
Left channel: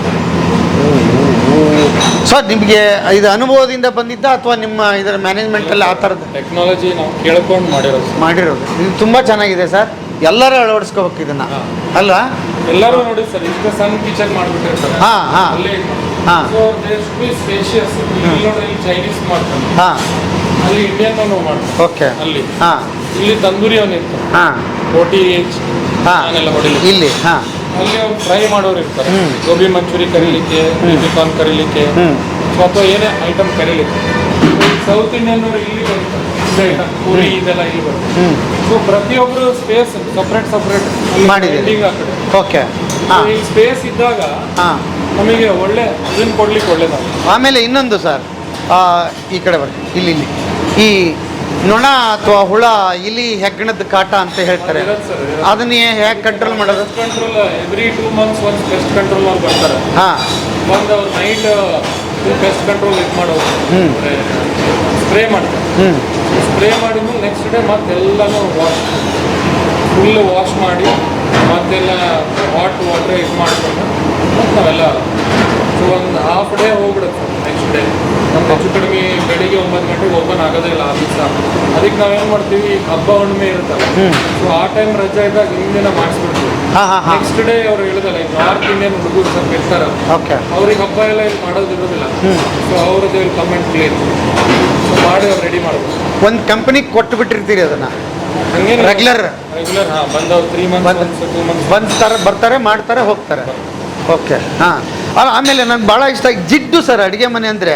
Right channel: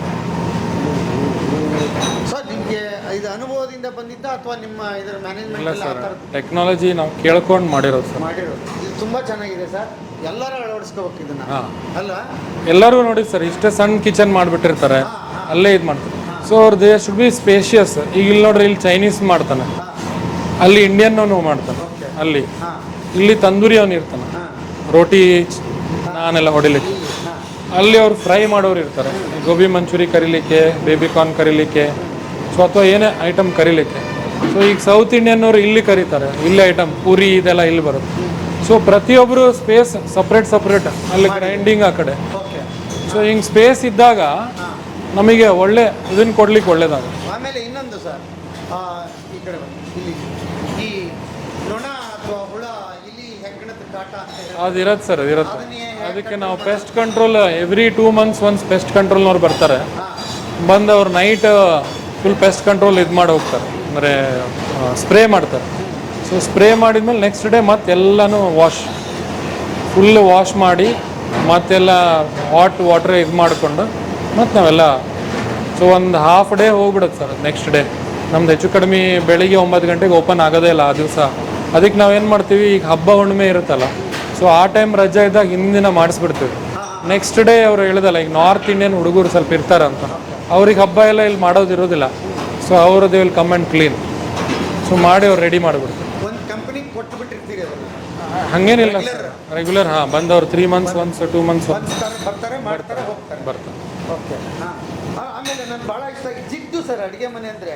ಸರ್ ನಿಮಗೆ ಇದು ಅನುಭವದಿಂದ ಬಂದಿದ್ದ ಅಥವಾ ನಿಮ್ಮ ಇದರ ಮ್ಯಾನೇಜ್ಮೆಂಟಲ್ಲಿ ಆ ಥರದ್ದು ಟೆಕ್ನಾಲಜಿ ನಾವು ಕೇಳ್ಕೊಂಡು ಮಾಡಿರೋದು. ಮಾಡಿರೋದು? ಇದು ತುಂಬ ಚೆನ್ನಾಗಿದೆ ಸರ್. ಎಲ್ಲರೂ ಅಳವಡಿಸ್ಕೋಬೇಕು ಇದನ್ನು ಹಾ. ಅಲ್ಲ ಎಲ್ಲರೂ ನೋಡಿ ಸರ್ ಇಷ್ಟೇ ಸಣ್ಣ ಕಿಚನ್ ಮಾಡ್ಬಿಟ್ಟಿರ್ತಾರೆ ಹಾ, ಹಾ. ಅಲ್ಲೇ ಇದು ಹಾ. ಮಾಡ್ತಾರೆ ಸೊ ಅವ್ರದ್ದು ಶುಡ್ ಬಿ ಸ್ಪೇಷಿಯಸ್. ಈಗ ನೋಡ್ರಿ ಇಲ್ಲಿ ಚೈನೀಸ್ ಮಾಡ್ತಾನೆ, ಹಾಂ ಅಲ್ಲಿ ಇಂಡಿಯನ್ ಮಾಡ್ತಾರೆ, ಓಕೆ ಅಲ್ಲಿ ಹಾಂ ಇಲ್ಲಿ ತಂದೂರಿ ಅವನು ಇರ್ತಾನೆ, ಹಾಂ ರೋಟಿ ಹಾ. ನಾನೆಲ್ಲ ಹೊಡಿಲಿಕ್ಕೆ. ಇಲ್ಲಿ ಹಾಂ ಅಲ್ಲಿ ಅವ್ರು ಫ್ರೈ ಮಾಡೋರು ಇರ್ತಾರೆ, ಗೋಬಿ ಮಂಚೂರಿ ಕರಿಲಿಕ್ಕೆ, ಬೇಬಿ ಕಾರ್ನ್ ಕರಿಲಿಕ್ಕೆ, ಸೊ ಅಥವಾ ಏನೇ ಐಟಮ್ ಕರಿಲಿಕ್ಕೆ. ಈಗ ಸೌತ್ ಇಂಡಿಯನ್ ಅವರು ಇಲ್ಲಿ ಕರೀತಾರೆ, ಇಲ್ಲಿ ಐಟಮ್ ಪೂರಿ ಇದೆಲ್ಲ ಇಲ್ಲಿ ಬರುತ್ತೆ. ಸೊ ಪ್ರತಿಯೊಬ್ರು ಸ್ಪೇಸ್ ಸಪ್ರೇಟ್ ಅಲ್ಲಿ ಮಾಡಿದ್ದೀರಿ. ಗ್ರೈಂಡಿಂಗ್ ಆ ಕಡೆ. ಓಕೆ ಸೊ ಈಗ ಸ್ಪೇಸ್ ಇದ್ದಾಗ ಹಾಂ ನಮಗೆ ಒಳ್ಳೆ ಇದನ್ನ ಕೊಡ್ಲಿಕ್ಕೆ ಒಳ್ಳೇದಾಗ. ಆಮೇಲೆ ಇನ್ನೊಂದು ಸರ್, ಈ ಕಡೆ ಬರ್ರಿ, ಇಲ್ಲಿ ಈ ನೊಣ ಅಥವಾ ಹುಳ ಇಲಿ ಹೆಗ್ಗಣದ ಕಾಟ ಅಂತ ಹೇಳ್ತಾರೆ, ಇರತ್ತೆ ಸರ್, ಇರತ್ತೆ. ಅದನ್ನ ಹೇಗೆ ಕಂಟ್ರೋಲ್ ಮಾಡೋದು? Control every 2 months once pest control ಅವ್ರು ಬರ್ತಾರೆ, ಹಾಂ ಬಂದು ಅವ್ರು ನೈಟ್ ಪೆಸ್ಟ್ ಕಂಟ್ರೋಲ್ ಇದು ಮಾಡಿ ಹೋಗ್ತಾರೆ, ಅಂದರೆ ಸ್ಪ್ರೇ ಮಾಡ್ತಾರೆ. ಸ್ಪ್ರೇ ಮಾಡಿದ್ಮೇಲೆ ನೆಕ್ಸ್ಟ್ ಡೇ ಮತ್ತೆಲ್ಲನೂ ಫುಲ್ ವಾಶ್ ಮಾಡಿ ಮತ್ತೆಲ್ಲ ಹಾಟ್ ವಾಟರ್ ಇದು ಮಾಡ್ಕೊಂಡು ಮತ್ತು ನಾವೆಲ್ಲ ಸೊ ಒಂದು ಹಾಫ್ ಡೇ ಹೋಗ್ಬಿಡುತ್ತೆ ಸರ್. ನೆಕ್ಸ್ಟ್ ಡೇ ನಮ್ದು ಹೆಚ್ಚು ಕಡಿಮೆ ಬೆಳಿಗ್ಗೆ 9 ಗಂಟೆಗೆ ಓಪನ್ ಆಗೋದೇ ಇಲ್ಲ ಆ ದಿವಸ. ಅದಕ್ಕೆ ನಾವೇನು ಮಾಡ್ತೀವಿ, ಈಗ ಹಬ್ಬ ಹುಣ್ಣಿಮೆ ಇರುತ್ತಲ್ಲ, ಸೊ ಆ ಟೈಮ್ ರಜೆ ಇದ್ದಾಗ ಹಿಂದಿನ ಮಾಡಿಸ್ಬಿಡ್ತೀವಿ. ಹಾಂ ಹಾಂ ಹಾಂ ನೆಕ್ಸ್ಟ್ ಡೇ ಅವ್ರು ಹೇಳಿದಲ್ಲ, ಈಗ ನಾರ್ತ್ ಇಂಡಿಯನ್ ಹುಡುಗರು ಸ್ವಲ್ಪ ಇರ್ತಾರಲ್ಲ, ಓಕೆ ಅವ್ರಿಗೆ ಹಬ್ಬ ಎಲ್ಲ ಇಲ್ಲಿ ಮಾಡೋದಿರೋದಿಲ್ಲ, ಸೊ ಅವ್ರದ್ದು ಇಲ್ಲಿ ಕಮೆಂಟ್ ಕ್ಲೀನ್ ಸೊ ಮಾಡಿ ಅವ್ರು ರೆಡಿ ಮಾಡ್ಬೋದು. ಒಂದು ಕಂಪನಿಗೆ ಕೊಟ್ಟು ಬಿಟ್ಟಿರ್ತೀರಿ ಅದನ್ನ ಹಂಗೇನು ರೆಗ್ಯುಲರ್ ರೆಗ್ಯುಲರ್ ಬಂದವ್ರು 3 months ಒನ್ಸ್ 2 months ಬರ್ತಾರೆ ಮಾಡ್ತಾರೆ ಹೋಗ್ತಾರೆ. ಓಕೆ ಹಾಂ. ಆಮೇಲೆ ನನ್ಗೆ ಭಾಳ ಇಷ್ಟ ಜಿಡ್ಡು ಸರ್ ಅಡುಗೆ ಮನೆ ಅಂದರೆ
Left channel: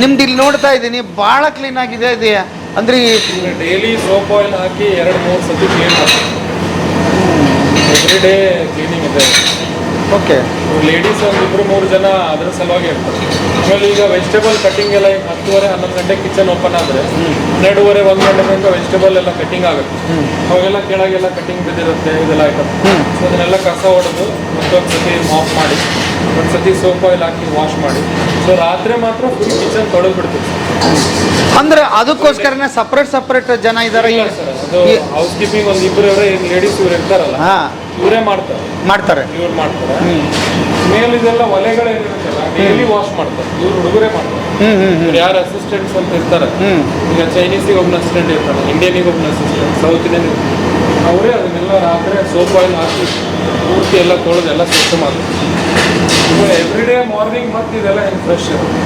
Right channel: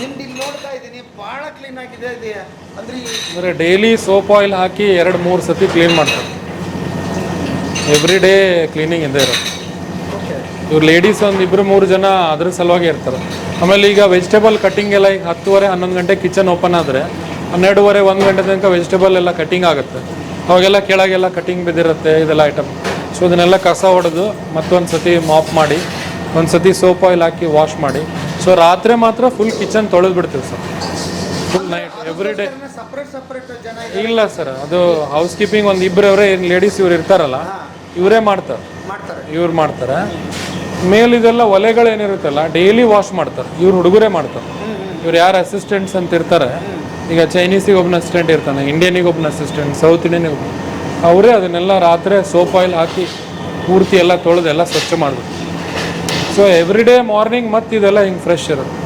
ನಿಮ್ದು ಇಲ್ಲಿ ನೋಡ್ತಾ ಇದ್ದೀನಿ ಭಾಳ ಕ್ಲೀನ್ ಆಗಿದೆ ಇದೆ ಅಂದರೆ ಡೈಲಿ ಸೋಪ್ ಆಯಿಲ್ ಹಾಕಿ 2-3 ಸತಿ ಕ್ಲೀನ್ ಮಾಡ್ತಾರೆ. ಎವ್ರಿ ಡೇ ಕ್ಲೀನಿಂಗ್ ಇದೆ. ಓಕೆ ಇವ್ರು ಲೇಡೀಸ್ ಒಂದು 2-3 ಜನ ಅದ್ರ ಸಲುವಾಗಿ ಇರ್ತಾರೆ. ಆಮೇಲೆ ಈಗ ವೆಜಿಟೇಬಲ್ ಕಟಿಂಗ್ ಎಲ್ಲ ಈಗ 10-11 ಗಂಟೆ ಕಿಚನ್ ಓಪನ್ ಆದರೆ 12-1 ಗಂಟೆ ತನಕ ವೆಜಿಟೇಬಲ್ ಎಲ್ಲ ಕಟಿಂಗ್ ಆಗುತ್ತೆ. ಅವಾಗೆಲ್ಲ ಕೆಳಗೆಲ್ಲ ಕಟಿಂಗ್ ಬಿದ್ದಿರುತ್ತೆ ಇದೆಲ್ಲ ಐಟಮ್. ಸೊ ಇದನ್ನೆಲ್ಲ ಕಸ ಹೊಡೆದು ಮತ್ತೊಂದು ಸತಿ ಮಾಪ್ ಮಾಡಿ ಒಂದು ಸತಿ ಸೋಪ್ ಆಯಿಲ್ ಹಾಕಿ ವಾಶ್ ಮಾಡಿ, ಸೊ ರಾತ್ರಿ ಮಾತ್ರ ಫುಲ್ ಕಿಚನ್ ತೊಳೆದು ಬಿಡ್ತೀವಿ. ಅಂದರೆ ಅದಕ್ಕೋಸ್ಕರನೇ ಸಪ್ರೇಟ್ ಜನ ಇದ್ದಾರೆ. ಇಲ್ಲ ಸರ್, ಅದು ಹೌಸ್ ಕೀಪಿಂಗ್ ಒಂದು ಇಬ್ಬರವರೇ ಲೇಡೀಸ್ ಇವ್ರು ಇರ್ತಾರಲ್ಲ, ಹಾಂ ಇವರೇ ಮಾಡ್ತಾರೆ. ಇವ್ರು ಮಾಡ್ತಾರೆ. ಮೇಲೆ ಇದೆಲ್ಲ ಒಲೆಗಳೇನಿರುತ್ತಲ್ಲ ಡೈಲಿ ವಾಶ್ ಮಾಡ್ತಾರೆ, ಇವ್ರು ಹುಡುಗರೇ ಮಾಡ್ತಾರೆ. ಇವ್ರು ಯಾರು ಅಸಿಸ್ಟೆಂಟ್ಸ್ ಅಂತ ಇರ್ತಾರೆ, ಈಗ ಚೈನೀಸಿಗೆ ಒಬ್ಬನ ಅಸಿಸ್ಟೆಂಟ್ ಇರ್ತಾನೆ, ಇಂಡಿಯನಿಗೆ ಒಬ್ಬನ ಅಸಿಸ್ಟೆಂಟ್, ಸೌತ್ ಇಂಡಿಯನ್ ಅವರೇ ಅದನ್ನೆಲ್ಲ ರಾತ್ರಿ ಸೋಪ್ ಆಯಿಲ್ ಹಾಕಿ ಪೂರ್ತಿ ಎಲ್ಲ ತೊಳೆದು ಎಲ್ಲ ಸ್ವಚ್ಛ ಮಾಡ್ತಾರೆ. ಸೊ ಎವ್ರಿ ಡೇ ಮಾರ್ನಿಂಗ್ ಮತ್ತೆ ಇದೆಲ್ಲ ಹಿಂಗೆ ಫ್ರೆಶ್ ಇರುತ್ತೆ.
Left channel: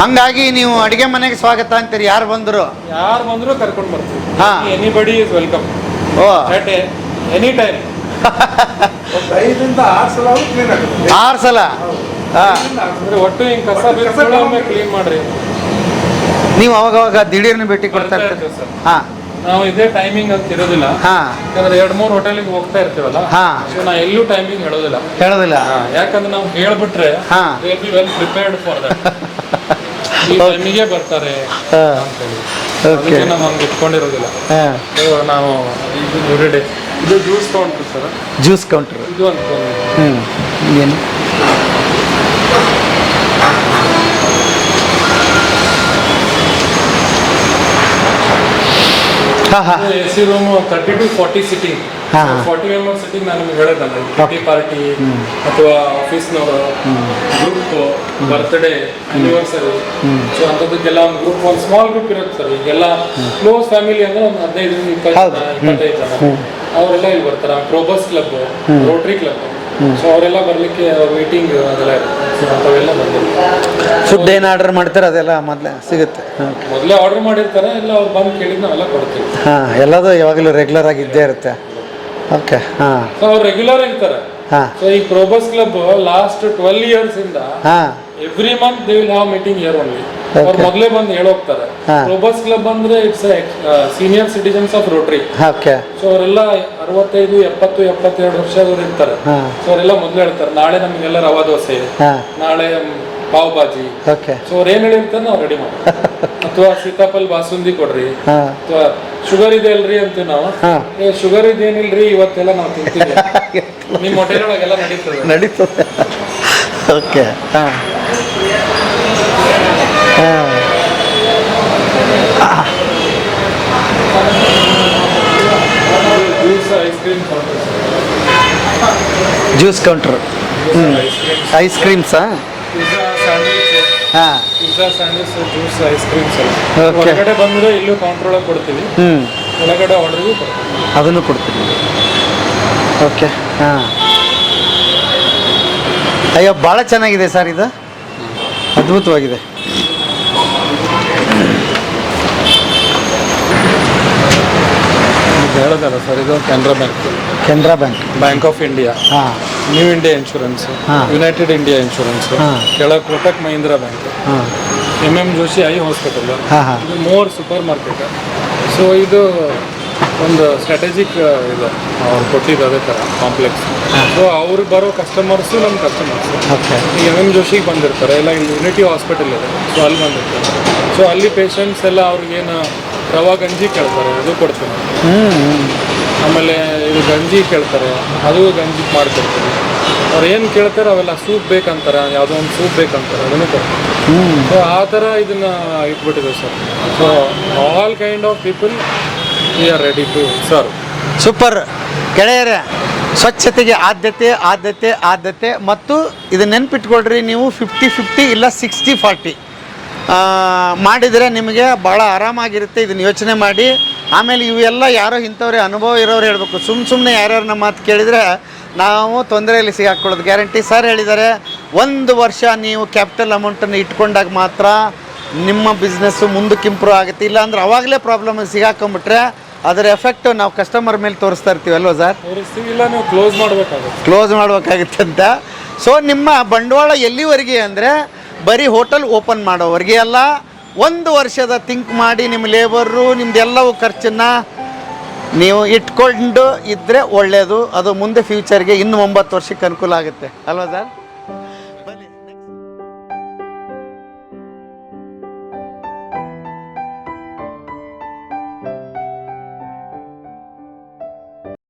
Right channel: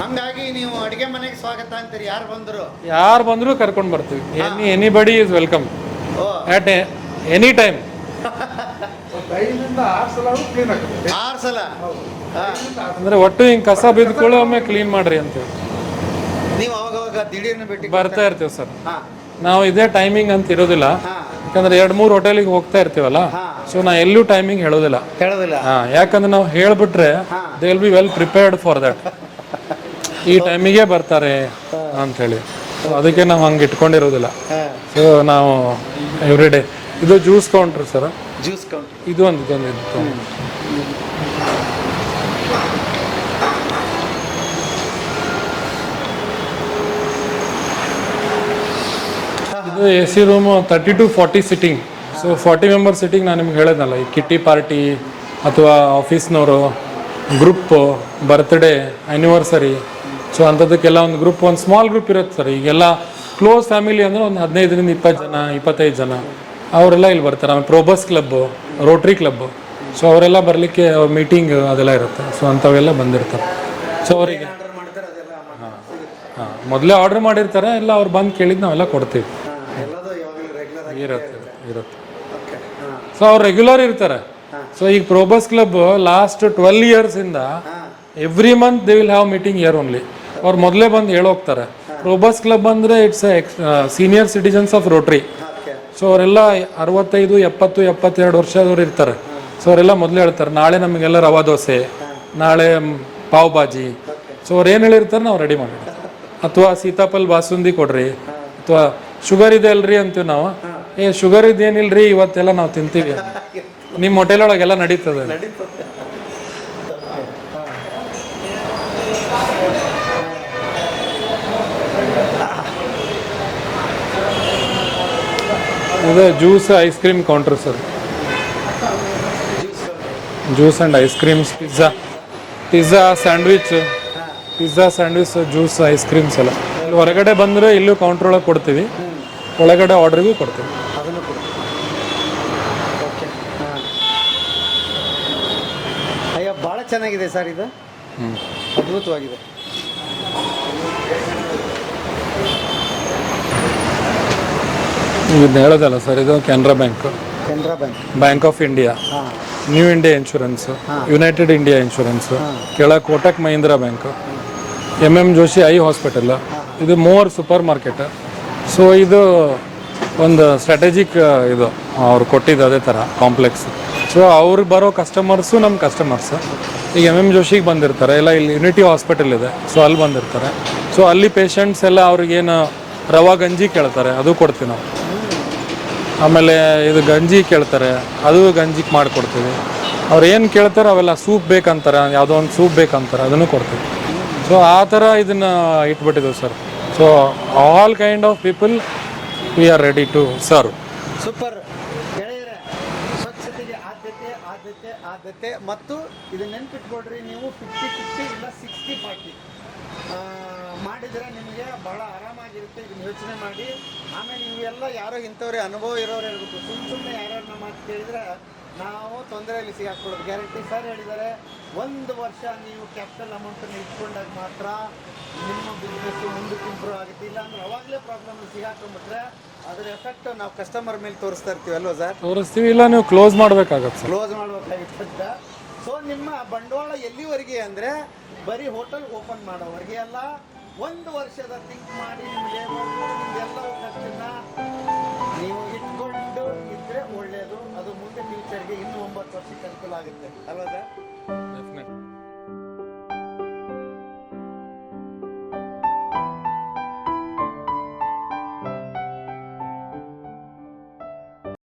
ಹಂಗಾಗಿ ನೀವು ಅಡುಗೆ ಮನೆಗೆ ಸ್ವಾಗತ ಅಂತೀರಿ, ಯಾರು ಬಂದರು ಕರ್ಕೊಂಡು ಬರ್ತೀವಿ. ಹಾ. ಎನಿಬಡಿ ಇಸ್ ವೆಲ್ಕಮ್ ಓ ಅಟ್ ಎನಿ ಟೈಮ್. 6 ಸಲ ಹಾಂ. ಅಂದ್ರೆ ಒಟ್ಟು ಹಿಂಗೆ ಕಸ ಬಿದ್ದುಗಳು ಒಮ್ಮೆ ಕ್ಲೀನ್ ಮಾಡ್ರಿ ಅಂತ ನೀವು ಅವಾಗವಾಗ ದಿಢೀರ್ನ ಭೇಟಿ ಕೊಡ್ತಾ ಬರ್ತಾ ಇರ್ತೀರಿ. ಇರ್ತೀವಿ ಸರ್. ಹಾಂ ನಾವು ಇದೇ ಟೈಮಿಂಗ್ ಅಂತ ಇರೋದಿಲ್ಲ, ಹಾಂ ಯಾಕಂದ್ರೆ 2-3 ಹೋಟೆಲಿಗೆ ಹೋಗ್ತಾ ಇರ್ತೀವಲ್ಲ, ಹಾ. ಸೊ ನಾ ಎಲ್ಲೂ ಟೈಮಿಂಗ್ ಹೇಳೋದಿಲ್ಲ. ಹೇಳೋದಿಲ್ಲ. ಯಾಕಂದ್ರೆ ನಾವು ಹೇಳ್ಬಿಟ್ರೆ ಹಾ. They will be well prepared for that. ಈ ಟೈಮಿಗೆ ಬರ್ತಾರೆ ಹಾ. ಅಂತ ಹೇಳಿ ಅದಕ್ಕೆ ನಾವು ಹಂಗೆ ಇಟ್ಕೊಂಡಿರೋದಿಲ್ಲ. ಹಾಂ So, ನಾವು ಎವ್ರಿ ಡೇ ಇದು juice counter sir, juice counter. ಇದು ಅಂತ ಏನು ಹಾಂ ಹಾಂ AC room 30 to 40 sitting. 40 member sitting ನಾನು ನಿಮ್ಗೆ ಹೇಳೋದಲ್ಲ, ಈ ಕಿಟಿ ಪಾರ್ಟಿ ಅಥವಾ ಆಫೀಸ್ನವರು ಗ್ರೂಪ್, ಬರ್ತ್ಡೇ, ಆನಿವರ್ಸರಿ, ಸೊ ಅಂಥದ್ದಕ್ಕೆಲ್ಲ ಒಂದು ಗ್ರೂಪ್, ಒಂದು ಸ್ಮಾಲ್ ಗ್ರೂಪ್ ಇರುತ್ತೆ ಸರ್. ಈಗೆಲ್ಲ ಕ್ಲೋಸ್ ಫ್ಯಾಮಿಲಿ ಅಂದ್ರೆ ಒಂದು 15-20 ಜನ 25 ಜನ ಅವರೆಲ್ಲ ಇಲ್ಲಿ ಬರ್ತಾರೆ. ಪ್ರೋಬಸ್ ಕ್ಲಬ್, ರೋಟ್ರಿ ಕ್ಲಬ್, ಸೊ ಅವರೆಲ್ಲ ಬರಲಿಕ್ಕೆ ಮೀಟಿಂಗ್ ಅದೆಲ್ಲ ಇರುತ್ತೆ. ಸೊ ಅಂಥವೆಲ್ಲ ಬಂದಿರ್ತಾರೆ. ಫುಡ್ ಏನು ಆರ್ಡರ್ ಮಾಡ್ತಾರೆ ಅದೆಲ್ಲ ಮೊದಲೇ ಸಿಗುತ್ತೆ. ಮೊದಲೇ ಆರ್ಡರ್ ಮಾಡಿರ್ತಾರೆ, ಎಲ್ಲ ಅವ್ರು ಬಂದು ಕೇಳಿದ್ದು ನಾವೆಲ್ಲ ಕೊಡ್ತೀವಿ. ಹಾಂ ಎಲ್ಲದೂ ಯಾವಾಗಲೂ ರೆಗ್ಯುಲರ್ ಆಗಿ ಇದ್ದೇ ಇರುತ್ತೆ. ಓಕೆ ಹಾಂ ಸೊ ಅವ್ರು ರೆಗ್ಯುಲರ್ ಇರ್ತಾರೆ. ಹಾಂ ಸೊ ಈ ಪ್ರೋಬಸ್ ಕ್ಲಬ್ ಲಾಸ್ಟ್ 12 years ಇಂದ ಹಾಂ every month they will have meeting here only. ಅವ್ರು ಮೊದಲೇ ಬಂದು ಹೇಳೋಗ್ತಾರೆ. ಪ್ರೋಬಸ್ ಕ್ಲಬ್ ಅಂದ್ರೆ it's senior citizens of rotary. Okay so ಅವರೆಲ್ಲ 65, 70, 72 ವರ್ಷದವ್ರು ಇರ್ತಾರೆ. ಸೊ ಅವರೆಲ್ಲ ಮೊದಲೇ ಹೇಳ್ತಾರೆ, ನಾಳೆ ನಮಗೆಲ್ಲ ರವಾ ದೋಸೆ, ಹಾಂ ನಾಳೆ ಪಾವ್ ಭಾಜಿ. ಓಕೆ ಸೊ ಅವ್ರು ಏನ್ ಹೇಳಿರ್ತಾರೆ ನಾವು ರೆಡಿ ಮಾಡ್ತೀವಿ. ಅಥವಾ ಸೀತಾಫಲ್ ಬಾಸುಂದಿ ಕೊಡ್ರಿ, ಹಾಂ ಅಥವಾ ಶುಗರ್ ಇದೆ ಅಲ್ರಿ ಅಂತೀವಿ ನಾವು. ಹಾಂ ಏ ಶುಗರ್ ಇದೇನಿಲ್ರಿ ಇವತ್ತೆಲ್ಲ ನಾವು ತಿಂತೀವಿ. ನಿಮ್ಮ ಹೋಟೆಲ್ ಒಳಗೆಲ್ಲ ನಡೀತದೆ. ನಡೀತದೆ. ಓಕೆ ಹಾಂ ಹಾಂ ಇದು juice ice cream counter sir. Juice counter, juice and ice creams, ice ಕ್ರೀಮ್ಸಾ? ಪಿಜ್ಜಾ, ಸ್ಯಾಂಡ್ವಿಚ್, ಹಾಂ ಜ್ಯೂಸ್, ಐಸ್ ಕ್ರೀಮ್ಸ್ ಎಲ್ಲ. Okay. ಹೊರಗಡೆ ಬಂದರೆ ಇಲ್ಲೂ ಕೌಂಟರ್ ಒಳಗೆ ಕೊಡ್ತೀವಿ, ಒಳಗಡೆ ಆರ್ಡರ್ಗೂ ಕೊಡ್ತೀವಿ. ಅದನ್ನು ಕೊಡ್ತೀವಿ. ಓಕೆ ಹಾಂ ಅಯ್ಯೋ ಭಾಳ ಚೆನ್ನಾಗಿದೆ ಸರ್ ಇದು, ಅದ್ಭುತವಾಗಿದೆ. ಇದು ಹೇಳೋದಲ್ಲ ಸರ್, ಇದು Canara bank, Canara bank, bank of India, ಹಾಂ new India insurance, united India insurance, ಹಾಂ ಕೆಳಗೆ ಕೋಟಕ್ ಮಹೀಂದ್ರಾ ಬ್ಯಾಂಕ್, ಹಾಂ MM ಜೋಶಿ ಐ ಹಾಸ್ಪಿಟಲ್, ಹಾಂ ಹಾಂ ಇದು ಮೂವರ್ ಸೂಪರ್ ಮಾರ್ಕೆಟ್. ಸೊ ಇದು ಒಂದು ಸ್ಟ್ರಾಟಜಿಕ್ ಇದು ಅವ್ರು ಕೊಟ್ಟಿದ್ದು ಅದೇ ಥರ ಕಾಂಪ್ಲೆಕ್ಸ್. ಸೊ ಅವ್ರು ಬರೋ ಕಸ್ಟಮರ್ಸು ನಮ್ಮ ಕಸ್ಟಮರ್ಸು. ಓಕೆ. ಈಗ MM ಜೋಶಿಗೆ ಬಂದಿರ್ತಾರೆ, ಇಲ್ಲ ಇಲ್ಲಿ ಯುನಿಟಿ ಹಾಸ್ಪಿಟಲ್ ಇದೆ, ಸೊ ಅಲ್ಲಿ ಬಂದಿರ್ತಾರೆ. ಸೊ ಅಲ್ಲಿ ಪೇಷಂಟ್ಸ್ ಎಲ್ಲ ಅವ್ರಿಗೇನು ರವಾ ಗಂಜಿ ಕೇಳ್ತಾರೆ, ಅದು ಕೊಡ್ತೀವಿ ನಾವು. ಆಮೇಲೆ ಇದು ಗಂಜಿ ಕೇಳ್ತಾರೆ, ಅದು ಗಂಜಿ ಮಾಡಿಕೊಡ್ತೀವಿ. ಅವ್ರು ಏನು ಕೇಳ್ತಾರೆ ಅವೆಲ್ಲ ಸೂಪ್ ಬೇಕಂತಾರೆ, ಯಾವುದೋ ಒಂದು ಸೂಪ್ ಬೇಕಂತಾರೆ, ಅದನ್ನು ಕೊಡ್ತೀವಿ. ಸೊ ಆ ಥರ ಇದನ್ನು ಇಟ್ಬಿಟ್ಟಿದೆ ಸರ್. So all kind of people we are ready to serve. Super. ಗೆಳೆಯರೇ, ಸ್ವಚ್ಛತೆಗೆ ಆದ್ಯತೆ ಆದ್ಯತೆ ಆದ್ಯತೆ. ಮತ್ತು ಇದು ನೆನ್ಪಿಟ್ಕೊಳ್ರಿ, ನೀವು 50-50 ಇಲ್ಲ 60-40 ಮಾಡಿದರೆ ನಿಮಗೆ ಭಾಳ ಆರಾಮಾಗಿರುತ್ತೆ. ಇದನ್ನು ಯೋಚನೆ ಮಾಡಿ. ಆಮೇಲೆ ಇವೆಲ್ಲ ಯಾರೋ ಇಂಥವ್ರೆ ಅನುಭವ ಇರೋರು ಹೇಳಬೇಕು. ಸುಮ್ಮನೆ ಯಾರ್ಯಾರು ನಮ್ಮ ಮಾತು ಕೇಳಿದರೆ ನಾವು ತೊಂದರೆಯಲ್ಲಿ ಸಿಗಾಕೊಳ್ಳೋದು ಗ್ಯಾರಂಟಿ. ಸರ್ ಹೇಳಿದ್ದಾರೆ, 1 ವರ್ಷ ನೀವು ಕ್ಯಾಪಿಟಲ್ ಅಮೌಂಟನ್ನು ಇಟ್ಕೊಂಡಾಗ ಮಾತ್ರ ನಿಮ್ಮ ಬಿಸ್ನೆಸ್ಸು ಮುಂದಕ್ಕೆ ಇಂಪ್ರೂವ್ ಆಗುತ್ತೆ. ಇಲ್ಲಾಂದ್ರೆ ಅವಾಗಲೇ ಪ್ರಾಬ್ಲಮ್ ಸಿಗಾಕೊಂಬಿಟ್ರೆ ಅದರ ಎಫೆಕ್ಟು ನಾವು ಕಸ್ಟಮರ್ ಮೇಲೆ ತೋರಿಸ್ತಾ ಇರ್ತೀವಿ ಅಲ್ವಾ ಸರ್? ತೋರಿಸ್ತೀವಿ, ಇಲ್ಲ ನೀವು ಕ್ಲೋಸ್ ಮಾಡಬೇಕಾಗುತ್ತೆ. ಕ್ಲೋಸ್ ಮಾಡಬೇಕಾಗುತ್ತೆ ಅಂತ. ಸೊ ನಿಮ್ಮ ಬಂಡವಾಳ ಎಲ್ಲಿವರೆಗೆ ಅಂದರೆ ಬರೀ ಹೋಟೆಲ್ ಓಪನ್ ಮಾಡೋವರೆಗೆ ಅಲ್ಲ, 1 ವರ್ಷದ ಥಿಂಕ್ ಮಾಡಿ ನಿಮ್ಮ ಲೇಬರು ನಿಮ್ಮದೆಲ್ಲವೂ ಖರ್ಚನ್ನು ನೀವು ಇಟ್ಕೊಂಡು ಇದ್ದರೆ ಒಳ್ಳೆಯದು. ಅದು ಮುಂದೆ ಫ್ಯೂಚರ್ಗೆ ಇನ್ನು 9 ವರ್ಷಕ್ಕೆ ಅನುಕೂಲ ಆಗುತ್ತೆ ಅಲ್ವಾ ಸರ್?